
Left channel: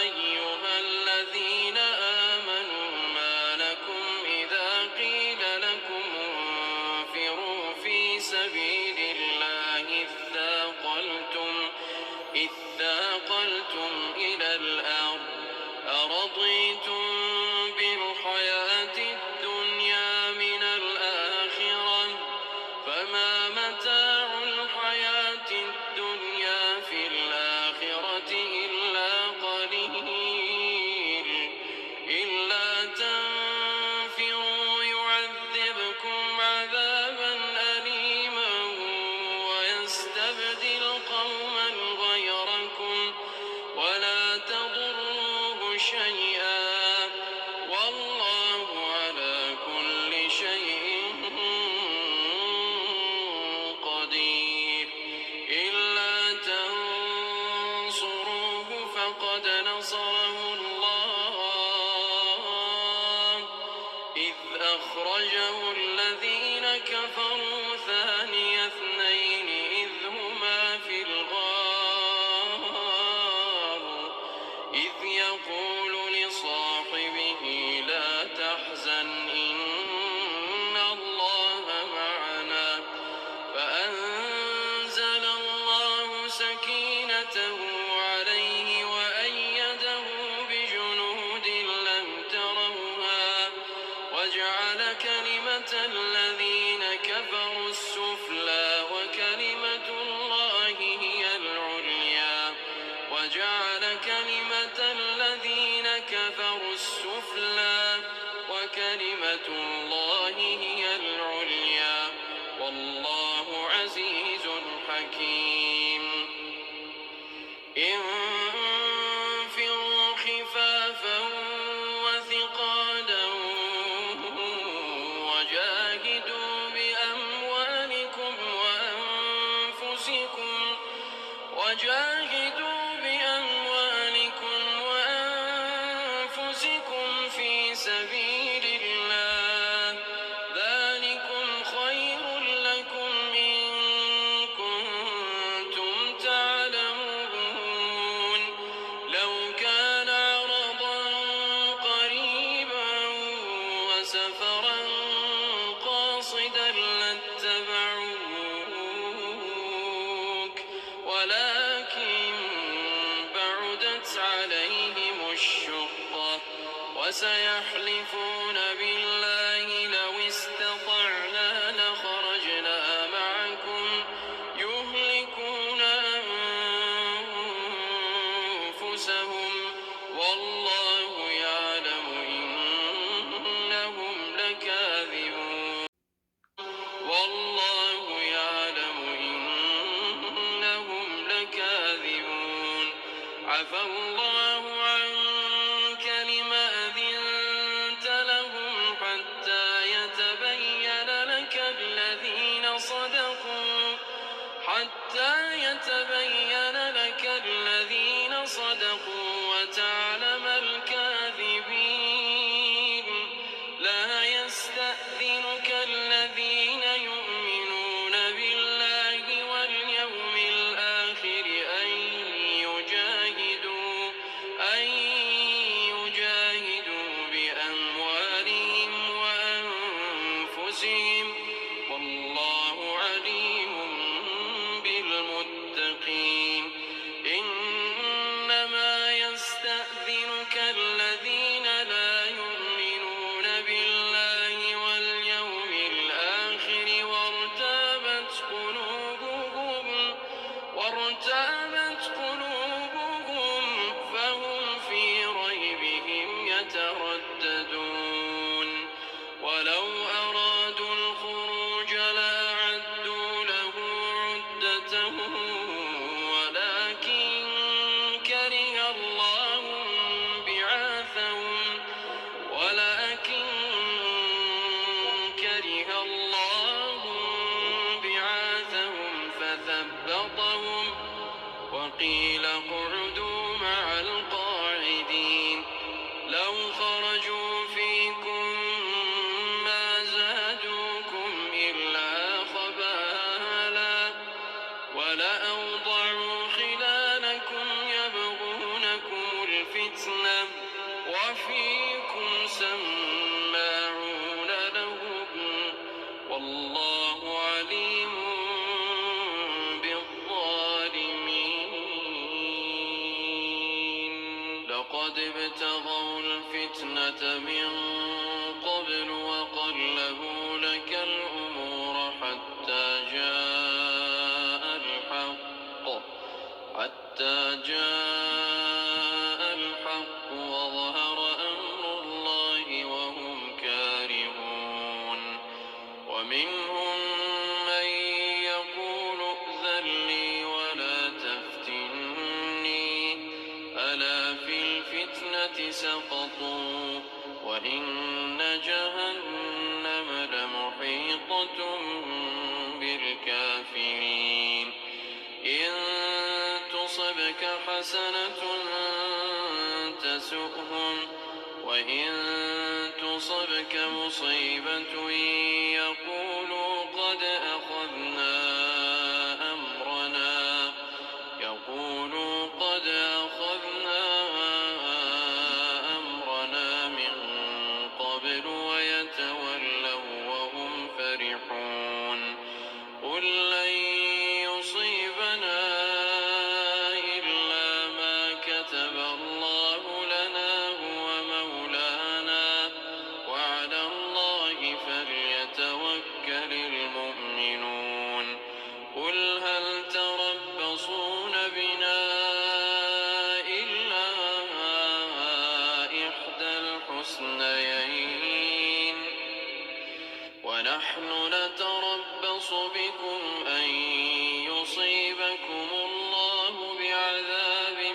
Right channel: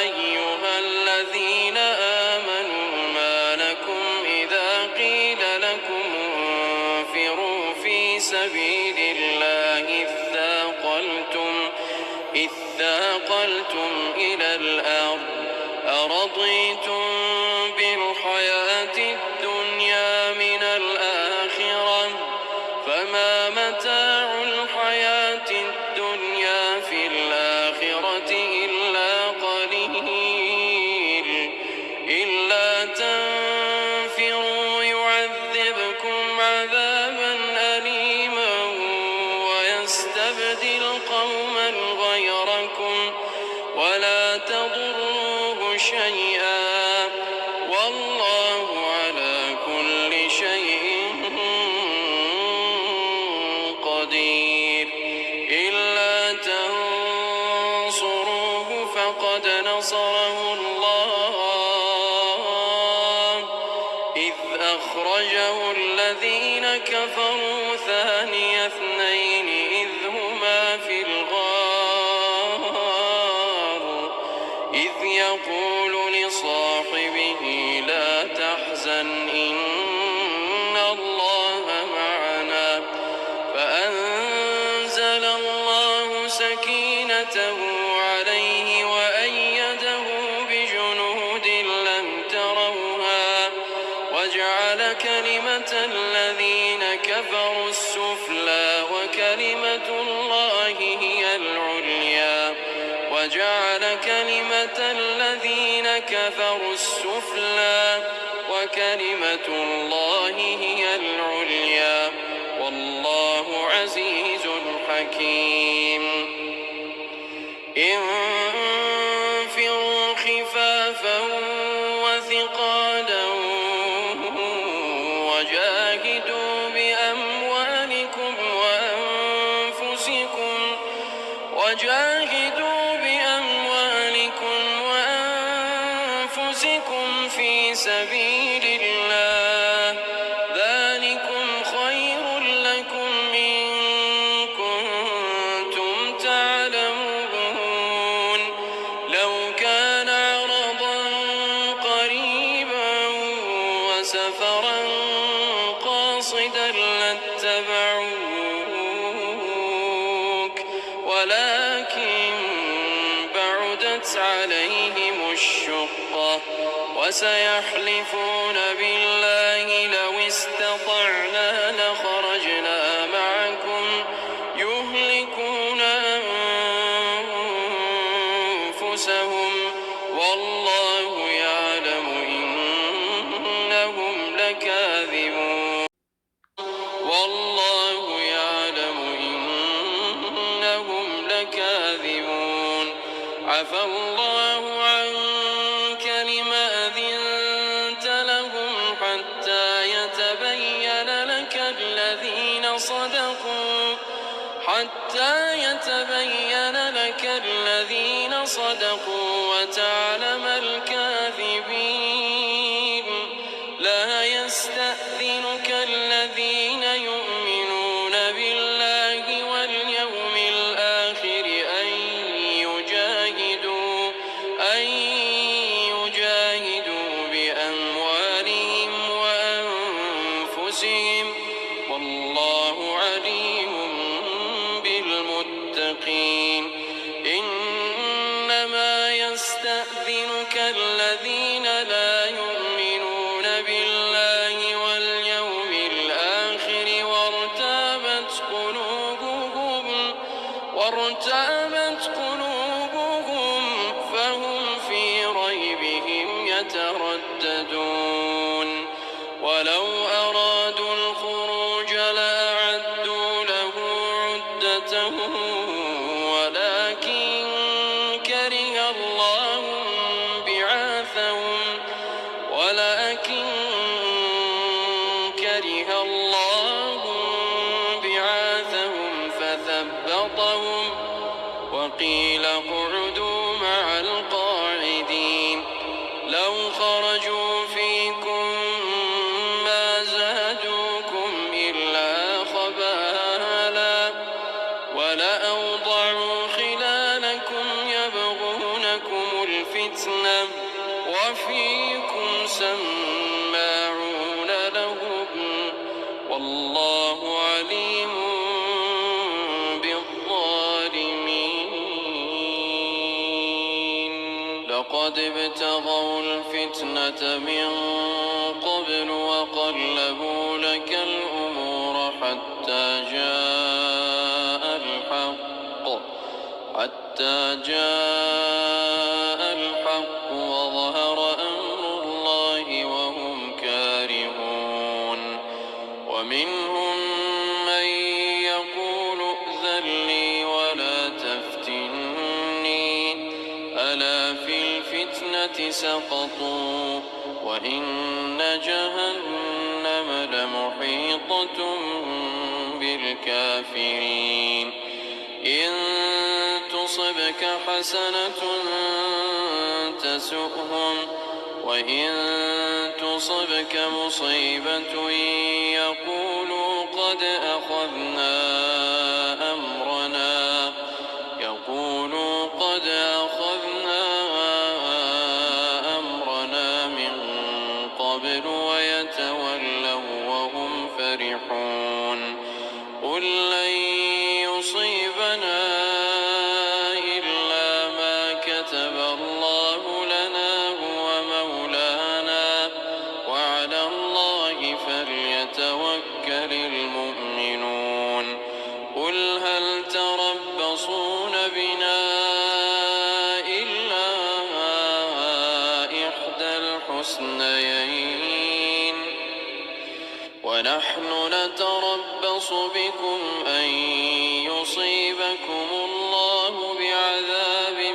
أيها الذين آمنوا ما لكم إذا قيل لكم انفروا في سبيل الله اثاقلتم إلى الأرض أرضيتم بالحياة الدنيا من الآخرة فما متاع الحياة الدنيا في الآخرة إلا قليل إلا تنفروا يعذبكم عذابا أليما ويستبدل قوما غيركم ولا تضروه شيئا والله على كل شيء قدير إلا تنصروه فقد نصره الله إذ أخرجه الذين كفروا ثاني اثنين إذ هما في الغار إذ يقول لصاحبه لا تحزن إن الله معنا فأنزل الله سكينته عليه وأيده بجنود لم تروها وجعل كلمة الذين كفروا السفلى وكلمة الله هي العليا وجعل كلمة الذين كفروا السفلى وكلمة الله هي العليا والله عزيز حكيم انفروا خفافا وثقالا وجاهدوا بأموالكم وأنفسكم في سبيل الله ذلكم خير لكم إن كنتم تعلمون لو كان عرضا قريبا وسفرا قاصدا لاتبعوك ولكن بعدت عليهم الشقة وسيحلفون بالله لو استطعنا لخرجنا معكم يهلكون أنفسهم والله يعلم إنهم لكاذبون عفى الله عنك لم أذنت لهم حتى يتبين لك الذين صدقوا وتعلم الكاذبين لا يستأذنك الذين يؤمنون بالله واليوم الآخر أن يجاهدوا بأموالهم وأنفسهم والله عليم بالمتقين إنما يستأذنك الذين لا يؤمنون بالله واليوم الآخر وارتابت قلوبهم فهم في ريبهم يترددون ولو أرادوا الخروج لأعدوا له عدة ولكن كره الله بعاثهم فثبطهم وقيل اقعدوا مع القاعدين لو خرجوا فيكم ما زادوكم إلا خبالا ولأوضعوا خلالكم يبغونكم الفتنة وفيكم سماعون لهم والله عليم بالظالمين لقد ابتغوا الفتنة من قبل وقلبوا لك الأمور حتى جاء الحق وظهر أمر الله وهم كارهون ومنهم من يقول ائذن لي ولا تفتني ألا في الفتنة سقطوا وإن جهنم لمحيطة بالكافرين إن تصبك حسنة تسؤهم وإن تصبك مصيبة يقولوا قد أخذنا أمرنا من قبل ويتولوا وهم فرحون قل لن يصيبنا إلا ما كتب الله لنا هو مولانا وعلى الله فليتوكل المؤمنون قل هل تربصون بنا إلا إحدى الحسنيين ونحن نتربص بكم أن يصيبكم الله بعذاب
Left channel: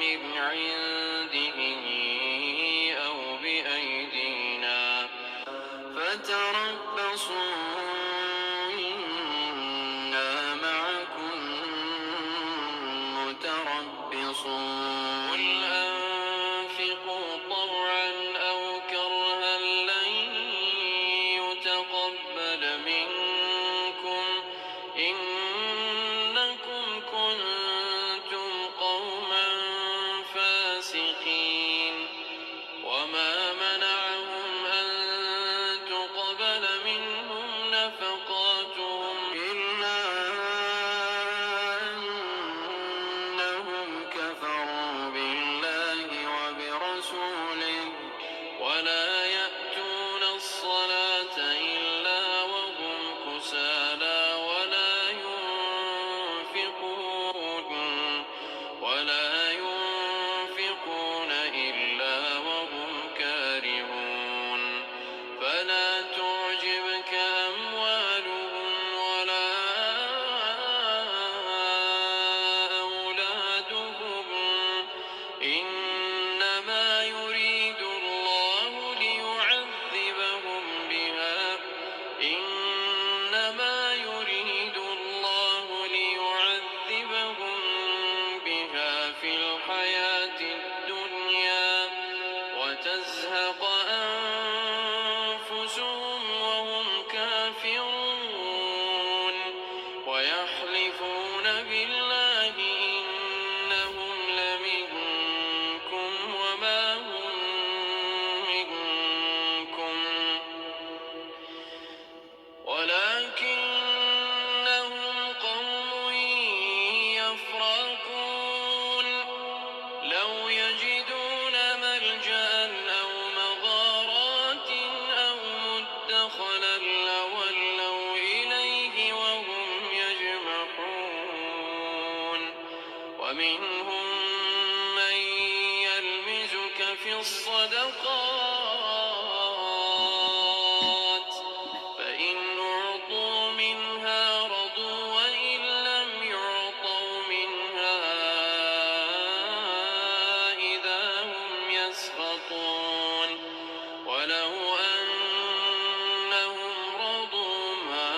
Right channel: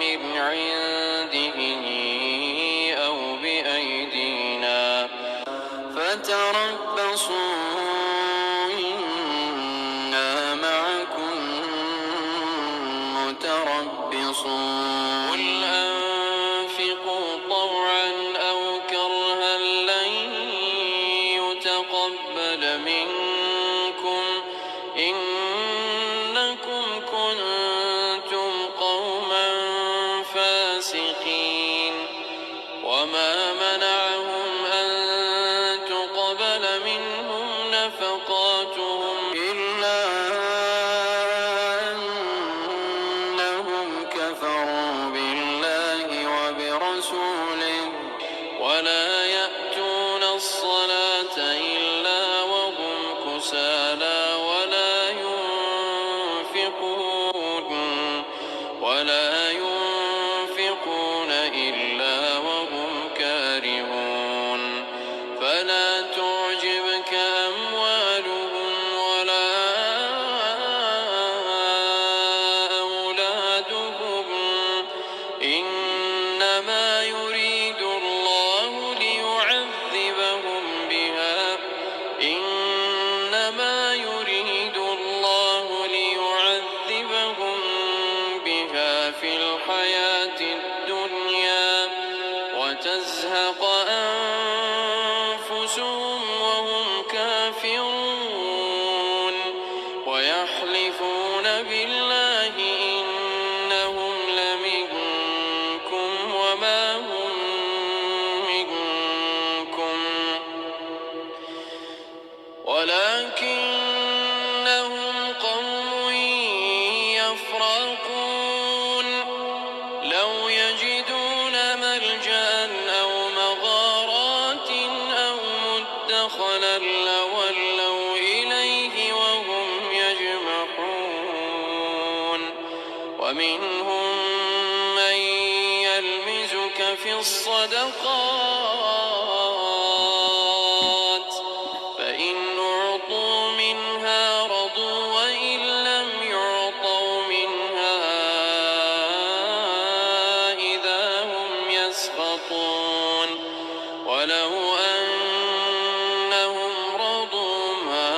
من عنده أو بأيدينا فتربصوا إنا معكم متربصون قل أنفقوا طوعا أو كرها لن يتقبل منكم إنكم كنتم قوما فاسقين وما منعهم أن تقبل منهم نفقاتهم إلا أنهم كفروا بالله وبرسوله ولا يأتون الصلاة إلا وهم أنفسهم وهم كافرون ويحلفون بالله إنهم لمنكم وما هم منكم ولكنهم قوم يفرقون لو يجدون ملجأ أو مغارات أو مدخلا لولوا إليه وهم يجمحون ومنهم من يلمزك في الصدقات فإن أعطوا منها رضوا وإن لم يعطوا منها إذا هم يسخطون ولو أنهم رضوا ما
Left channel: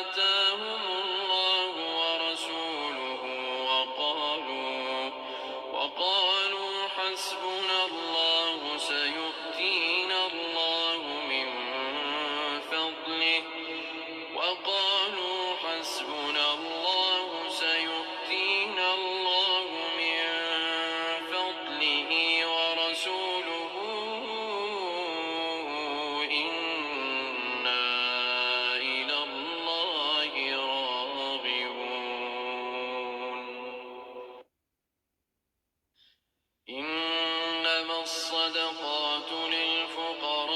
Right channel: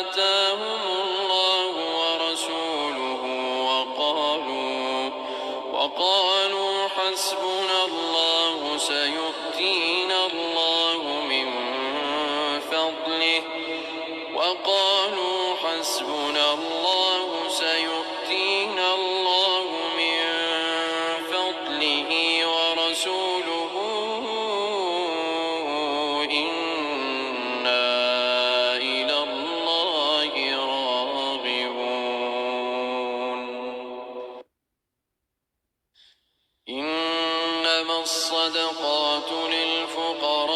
آتاهم الله ورسوله وقالوا حسبنا الله سيؤتينا الله من فضله ورسوله إنا إلى الله راغبون إنما الصدقات للفقراء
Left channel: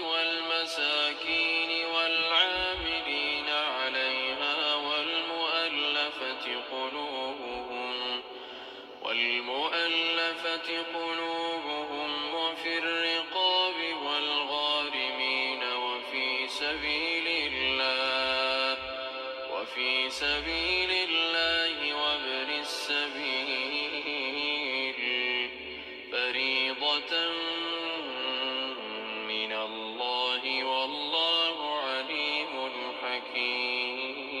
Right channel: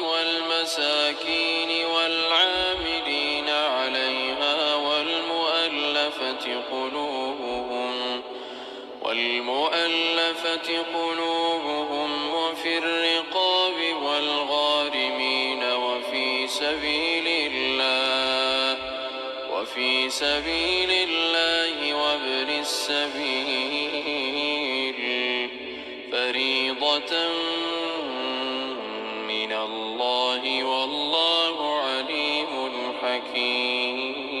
والمساكين والعاملين عليها والمؤلفة قلوبهم وفي الرقاب والغارمين وفي سبيل الله وابن السبيل فريضة من الله والله عليم حكيم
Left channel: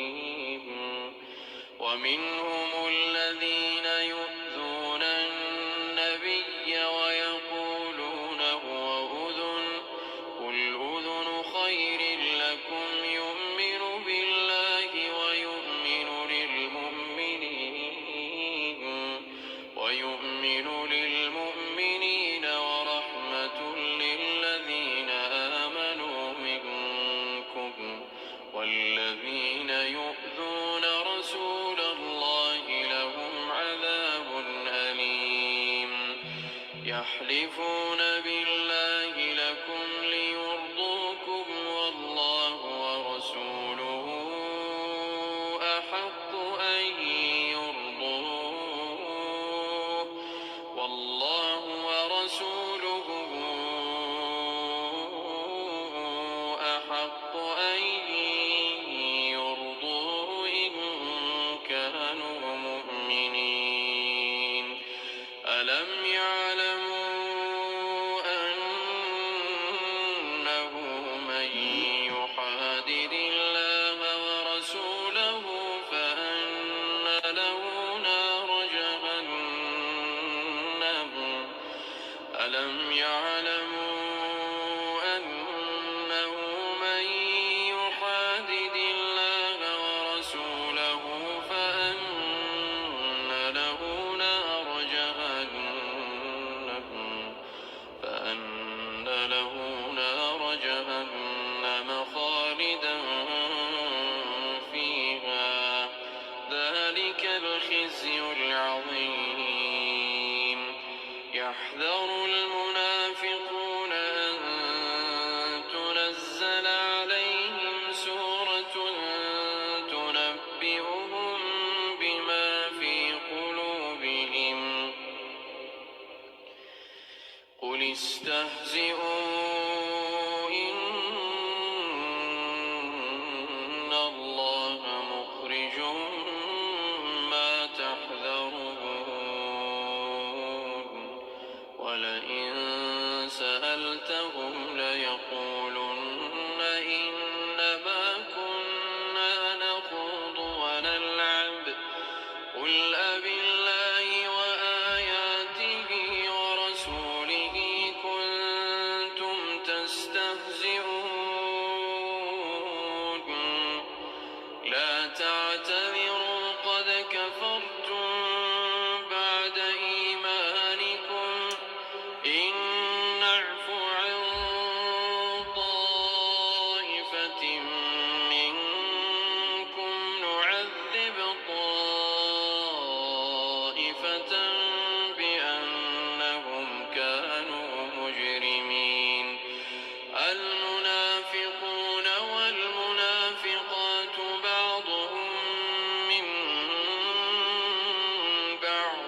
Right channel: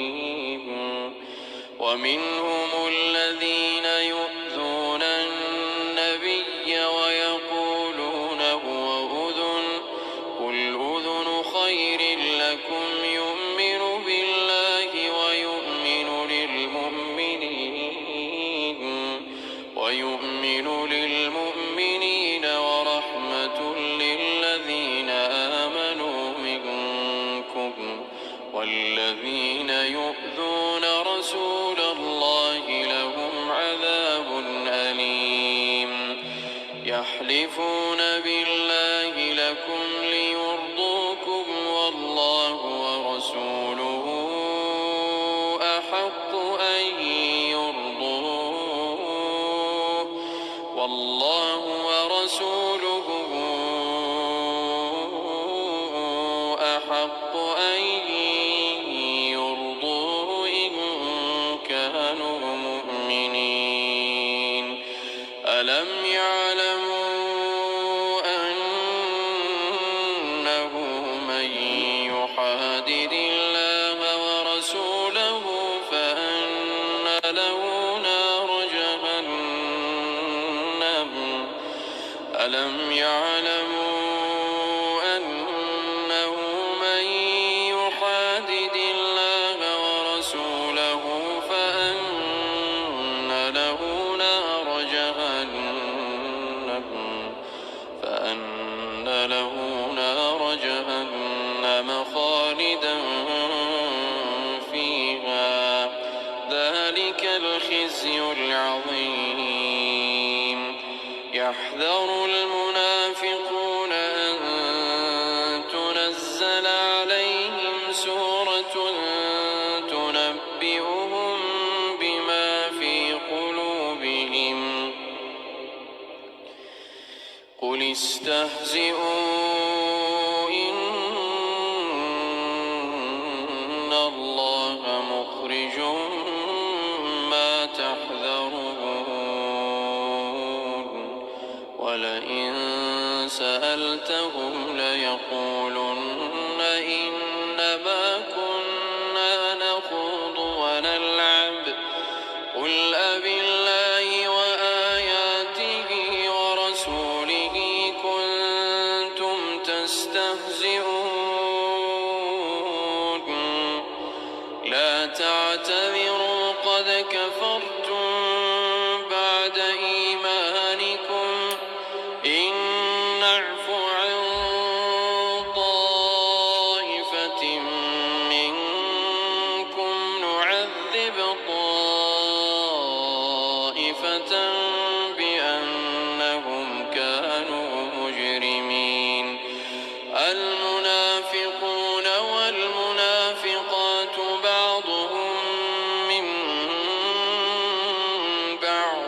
ومنهم الذين يؤذون النبي ويقولون هو أذن قل أذن خير لكم يؤمن بالله ويؤمن للمؤمنين ورحمة للذين آمنوا منكم والذين يؤذون رسول الله لهم عذاب أليم يحلفون بالله لكم ليرضوكم والله ورسوله أحق أن يرضوه إن كانوا مؤمنين ألم يعلموا أنه من يحادد الله ورسوله فأن له نار جهنم ألم يعلموا أنه من يحادد الله ورسوله فأن له نار جهنم خالدا فيها ذلك الخزي العظيم يحذر المنافقون أن تنزل عليهم سورة تنبئهم بما في قلوبهم قل استهزئوا إن الله مخرج ما تحذرون ولئن سألتهم ليقولن إنما كنا نخوض ونلعب قل أبالله وآياته ورسوله كنتم يستهزئون لا تعتذروا قد كفرتم بعد إيمانكم إن نعف عن طائفة منكم نعذب طائفة بأنهم كانوا مجرمين المنافقون والمنافقات بعضهم من بعض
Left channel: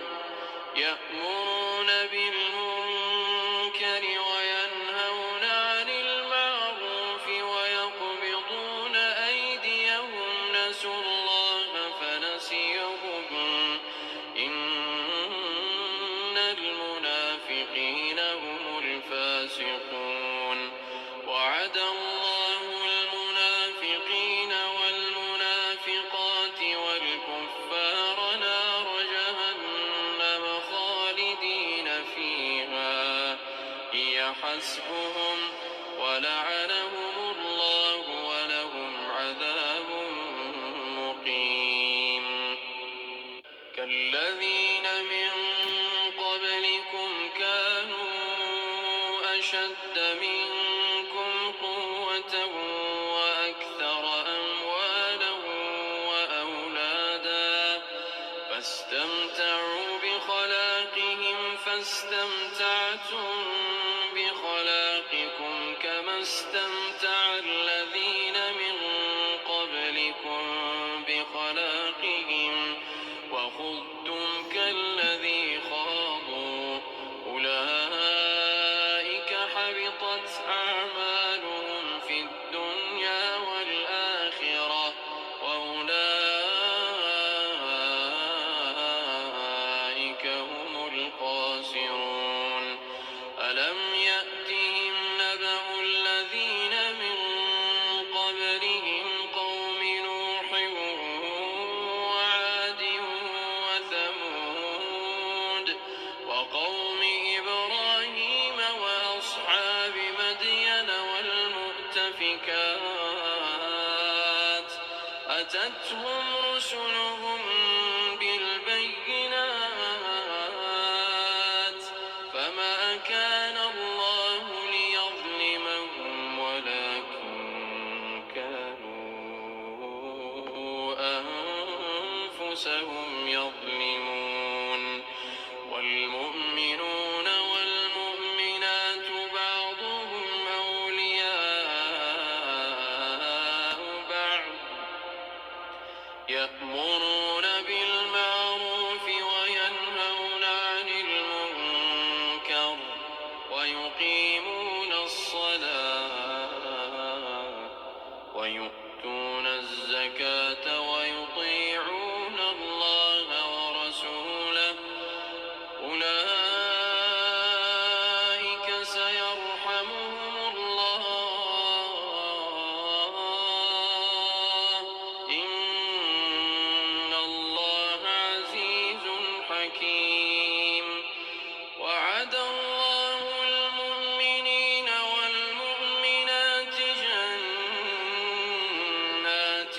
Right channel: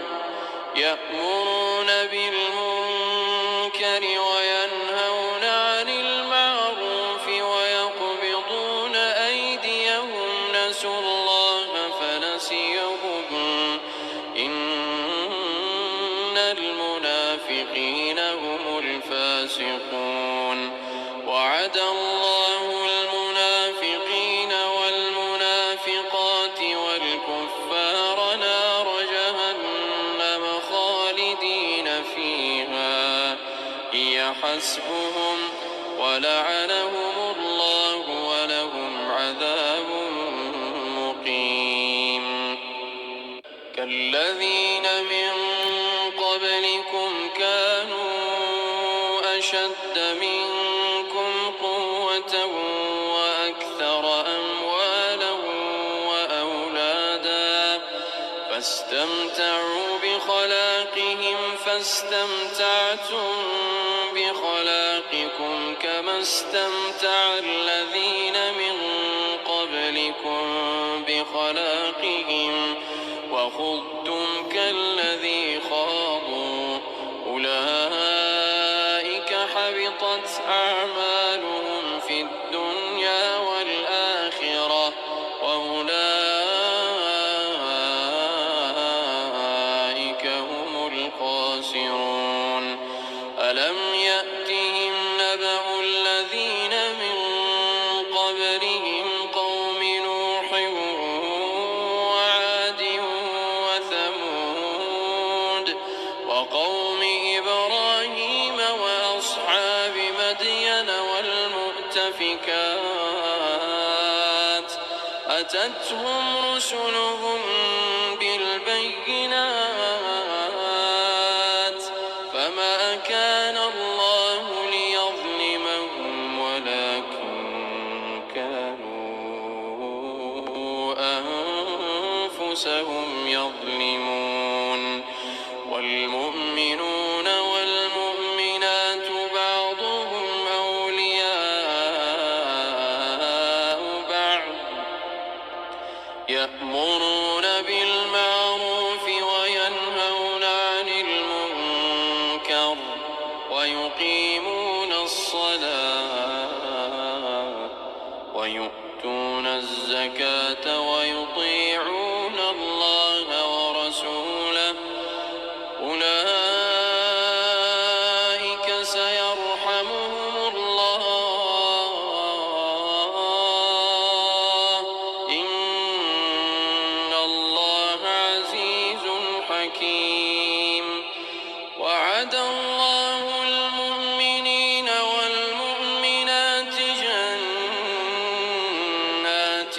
يأمرون بالمنكر وينهون عن المعروف ويقبضون أيديهم نسوا الله فنسيهم إن المنافقين هم الفاسقون وعد الله المنافقين والمنافقات والكفار نار جهنم خالدين فيها هي حسبهم ولعنهم الله ولهم عذاب مقيم كالذين من قبلكم كانوا أشد منكم قوة وأكثر أموالا وأولادا فاستمتعوا بخلاقهم فاستمتعتم بخلاقكم كما استمتع الذين من قبلكم بخلاقهم وخضتم كالذي خاضوا أولئك حبطت أعمالهم في الدنيا والآخرة وأولئك هم الخاسرون ألم يأتهم نبأ الذين من قبلهم قوم نوح وعاد وثمود وقوم إبراهيم وأصحاب مدين والمؤتفكات أتتهم رسلهم بالبينات فما كان الله ليظلمهم ولكن كانوا أنفسهم يظلمون والمؤمنون والمؤمنات بعضهم أولياء بعض يأمرون بالمعروف وينهون عن المنكر ويقيمون الصلاة ويؤتون الزكاة ويطيعون الله ورسوله أولئك سيرحمهم الله إن الله عزيز حكيم وعد الله المؤمنين والمؤمنات جنات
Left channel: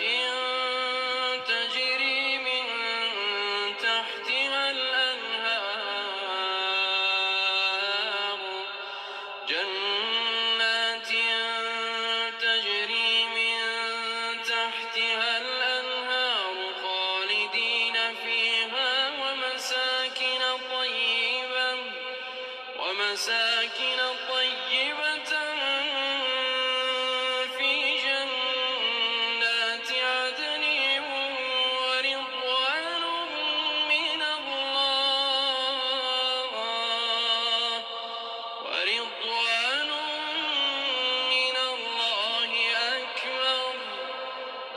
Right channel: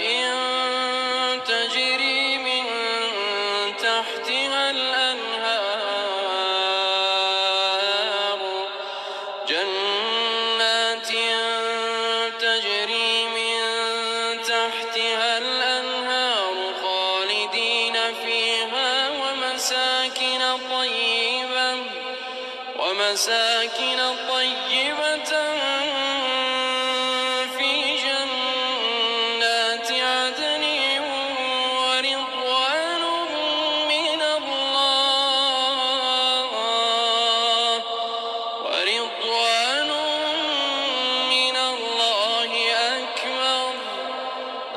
تجري من تحتها الأنهار جنات تجري من تحتها الأنهار خالدين فيها ومساكن طيبة في جنات عدن ورضوان من الله أكبر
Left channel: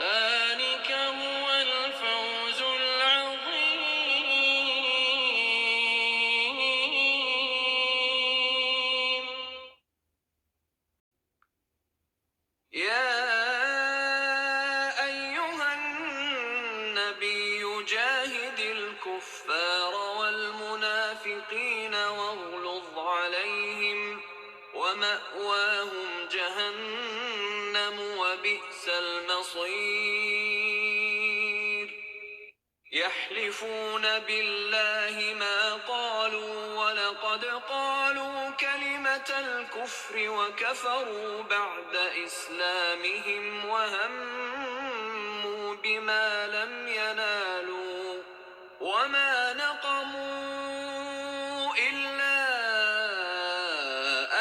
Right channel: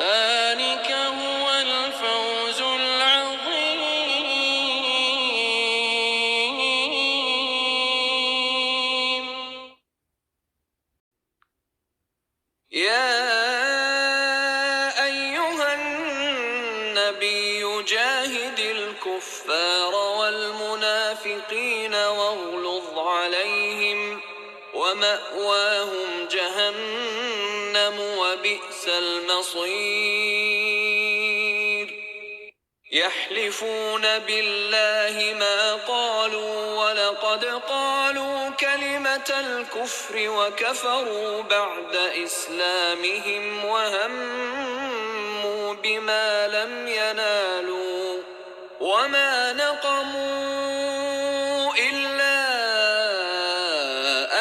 ذلك هو الفوز العظيم يا أيها النبي جاهد الكفار والمنافقين واغلظ عليهم ومأواهم جهنم وبئس المصير يحلفون بالله ما قالوا ولقد قالوا كلمة الكفر وكفروا بعد إسلامهم وهموا بما لم ينالوا وما نقموا إلا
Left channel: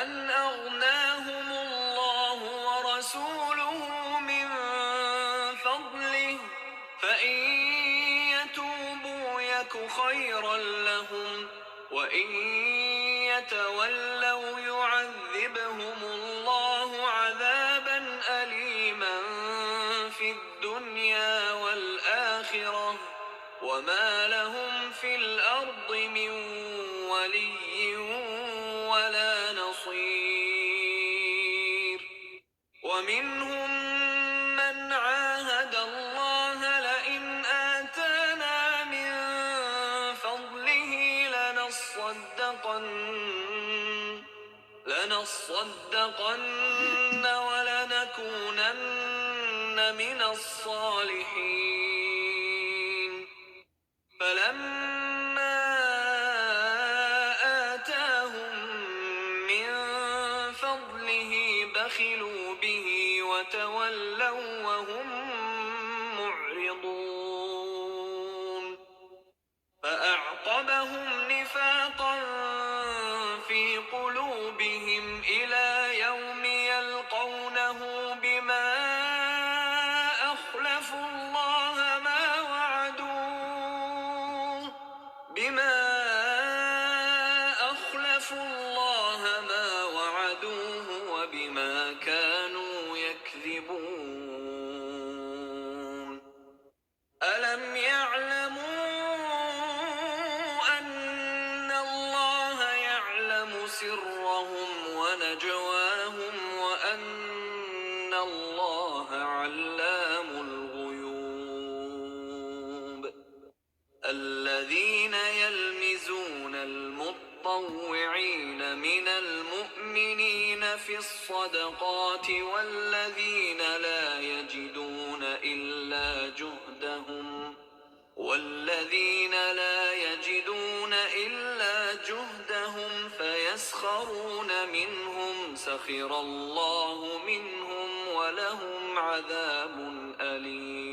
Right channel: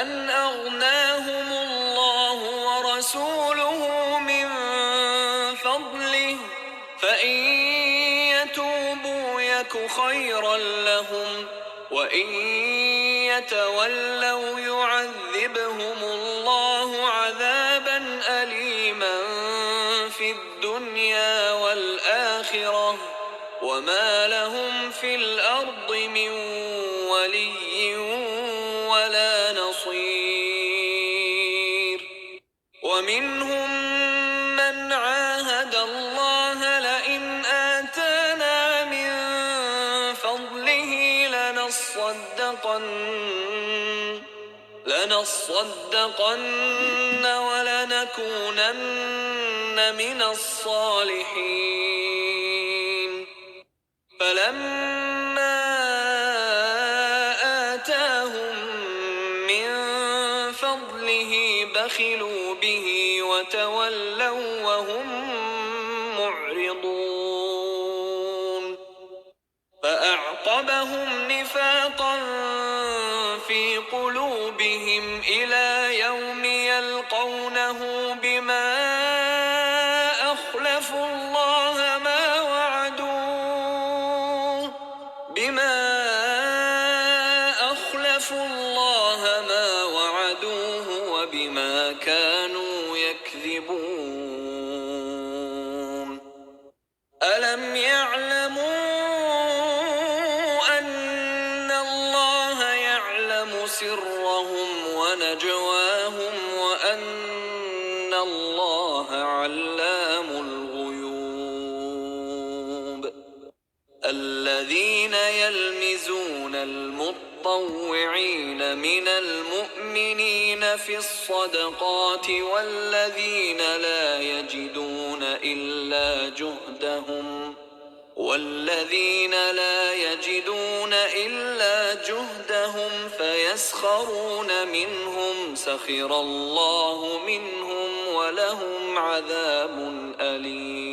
أن أغناهم الله ورسوله من فضله فإن يتوبوا يك خيرا لهم وإن يتولوا يعذبهم الله عذابا أليما في الدنيا والآخرة وما لهم في الأرض من ولي ولا نصير ومنهم من عاهد الله لئن آتانا من فضله لنصدقن ولنكونن من الصالحين فلما آتاهم من فضله بخلوا به وتولوا وهم معرضون فأعقبهم نفاقا في قلوبهم إلى يوم يلقونه بما أخلفوا الله ما وعدوه وبما كانوا يكذبون ألم يعلموا أن الله يعلم سرهم ونجواهم وأن الله علام الغيوب الذين يلمزون المطوعين من المؤمنين في الصدقات والذين لا يجدون إلا جهدهم فيسخرون منهم سخر الله منهم ولهم عذاب أليم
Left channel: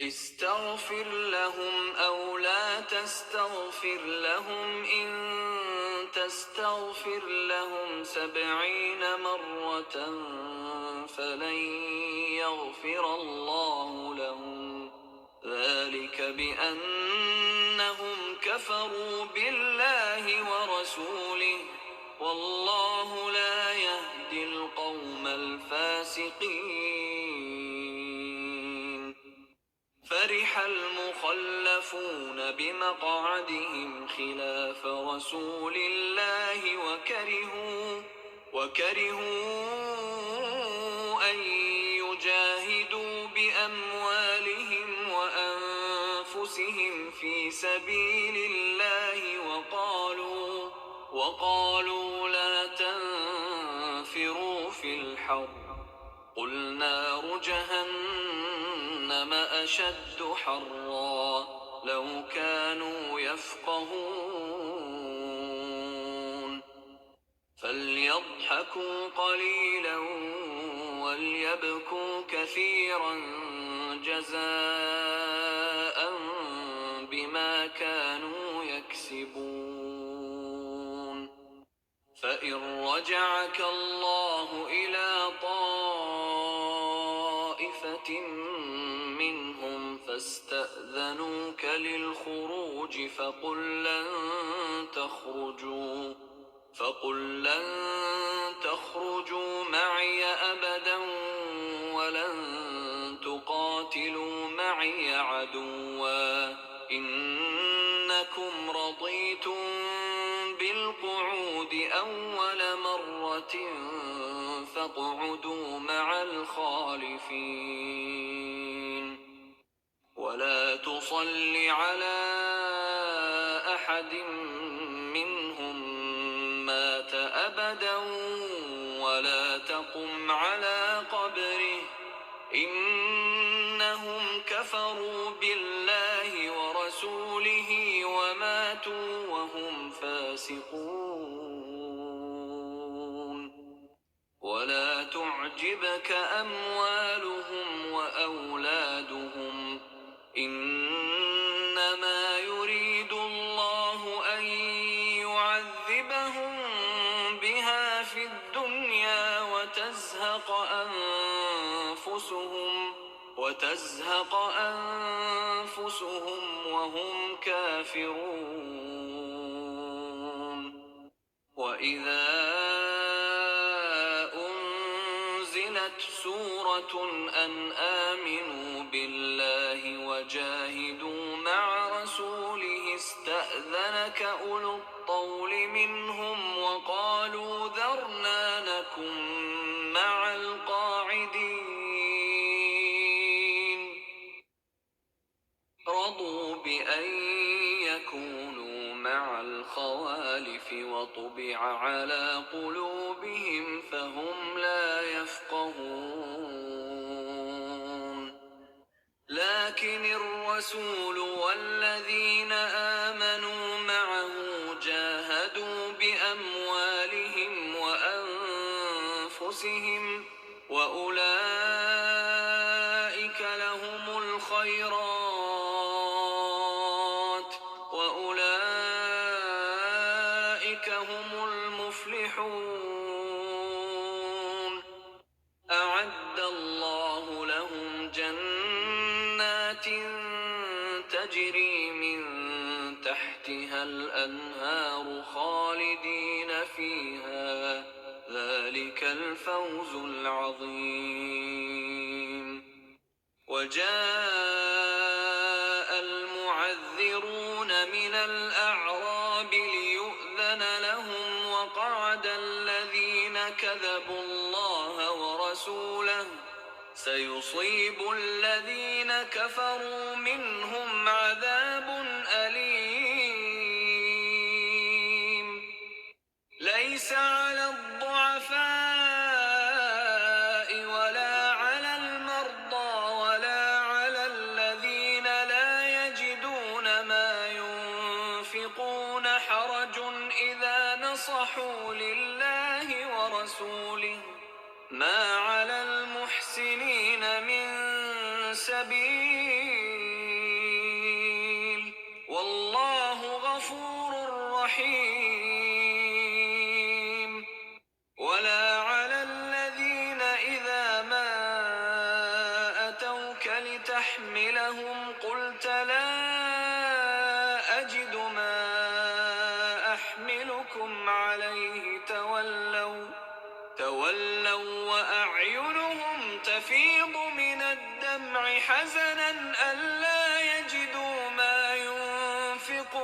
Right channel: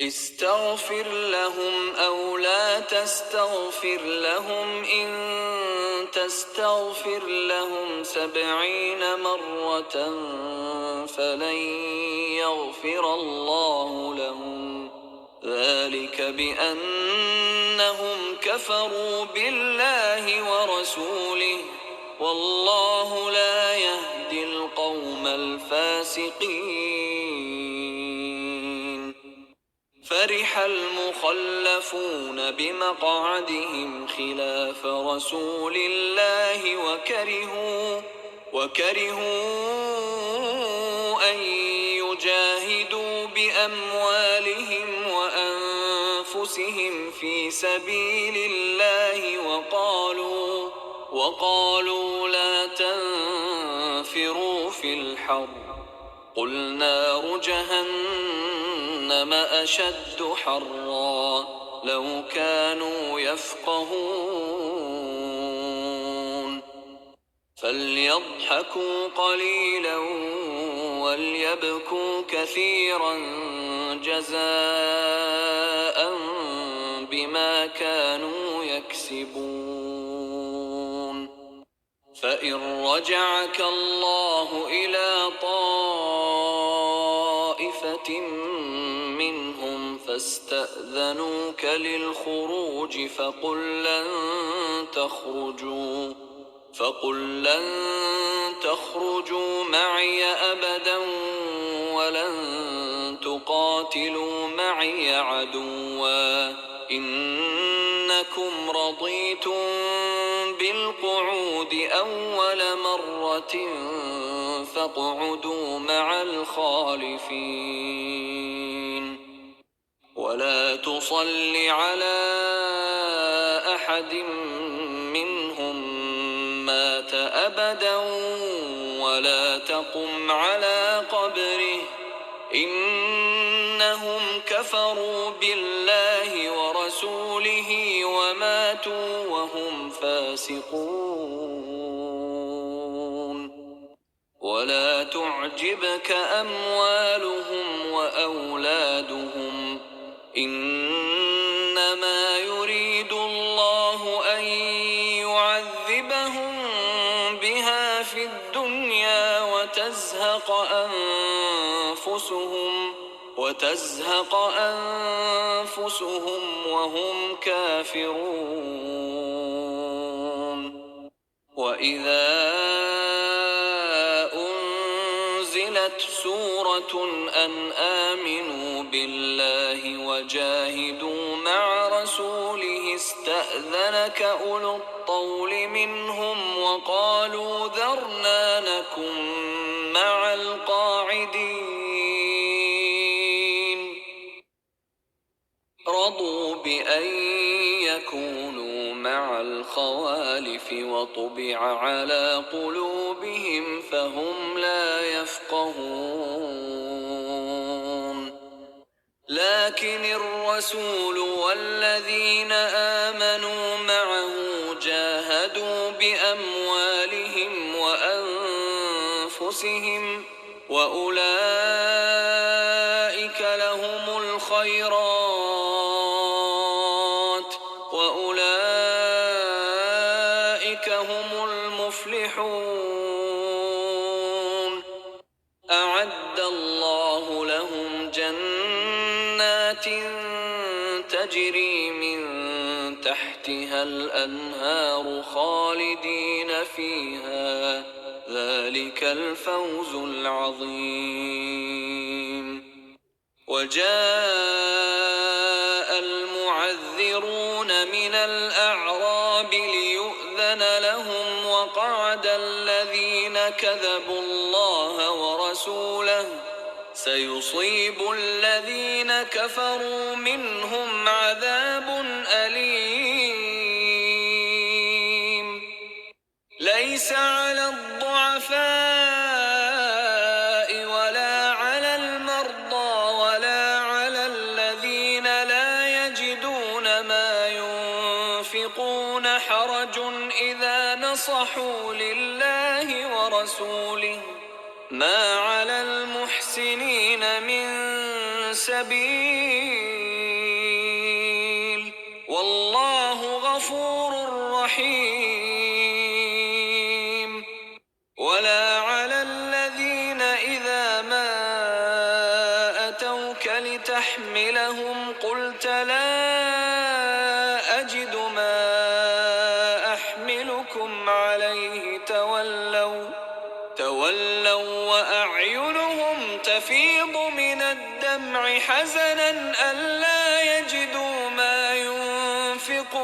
استغفر لهم أو لا تستغفر لهم إن تستغفر لهم 70 مرة فلن يغفر الله لهم ذلك بأنهم كفروا بالله ورسوله والله لا يهدي القوم الفاسقين فرح المخلفون بمقعدهم خلاف رسول الله وكرهوا أن يجاهدوا بأموالهم وأنفسهم في سبيل الله وقالوا لا تنفروا في الحر قل نار جهنم أشد حرا لو كانوا يفقهون فليضحكوا قليلا وليبكوا كثيرا جزاء بما كانوا يكسبون فإن رجعك الله إلى طائفة منهم فاستأذنوك للخروج فقل لن تخرجوا معي أبدا ولن تقاتلوا معي عدوا إنكم رضيتم بالقعود أول مرة فاقعدوا مع الخالفين ولا تصل على أحد منهم مات أبدا ولا تقم على قبره إنهم كفروا بالله ورسوله وماتوا وهم فاسقون ولا تعجبك أموالهم وأولادهم إنما يريد الله أن يعذبهم بها في الدنيا وتزهق أنفسهم وهم كافرون وإذا أنزلت سورة أن آمنوا بالله وجاهدوا مع رسوله استأذنك أولو الطول منهم وقالوا ذرنا نكن مع القاعدين رضوا بأن يكونوا مع الخوالف وطبع على قلوبهم فهم لا يفقهون لكن الرسول والذين آمنوا معه جاهدوا بأموالهم وأنفسهم وأولئك لهم الخيرات وأولئك هم المفلحون أعد الله لهم جنات تجري من تحتها الأنهار خالدين فيها ذلك الفوز العظيم وجاء المعذرون من الأعراب ليؤذن لهم وقعد الذين كذبوا الله ورسوله سيصيب الذين كفروا منهم عذاب أليم ليس على الضعفاء ولا على المرضى ولا على الذين لا يجدون ما ينفقون حرج إذا نصحوا لله ورسوله ما على المحسنين من سبيل والله غفور رحيم ولا على الذين إذا ما أتوك لتحملهم قلت لا أجد ما أحملكم عليه تولوا وأعينهم تفيض من الدمع حزنا ألا يجدوا ما ينفقون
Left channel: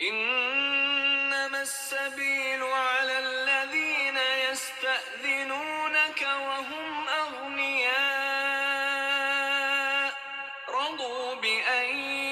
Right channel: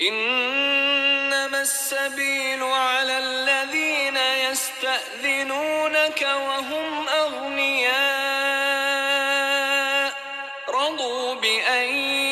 إنما السبيل على الذين يستأذنونك وهم أغنياء رضوا بأن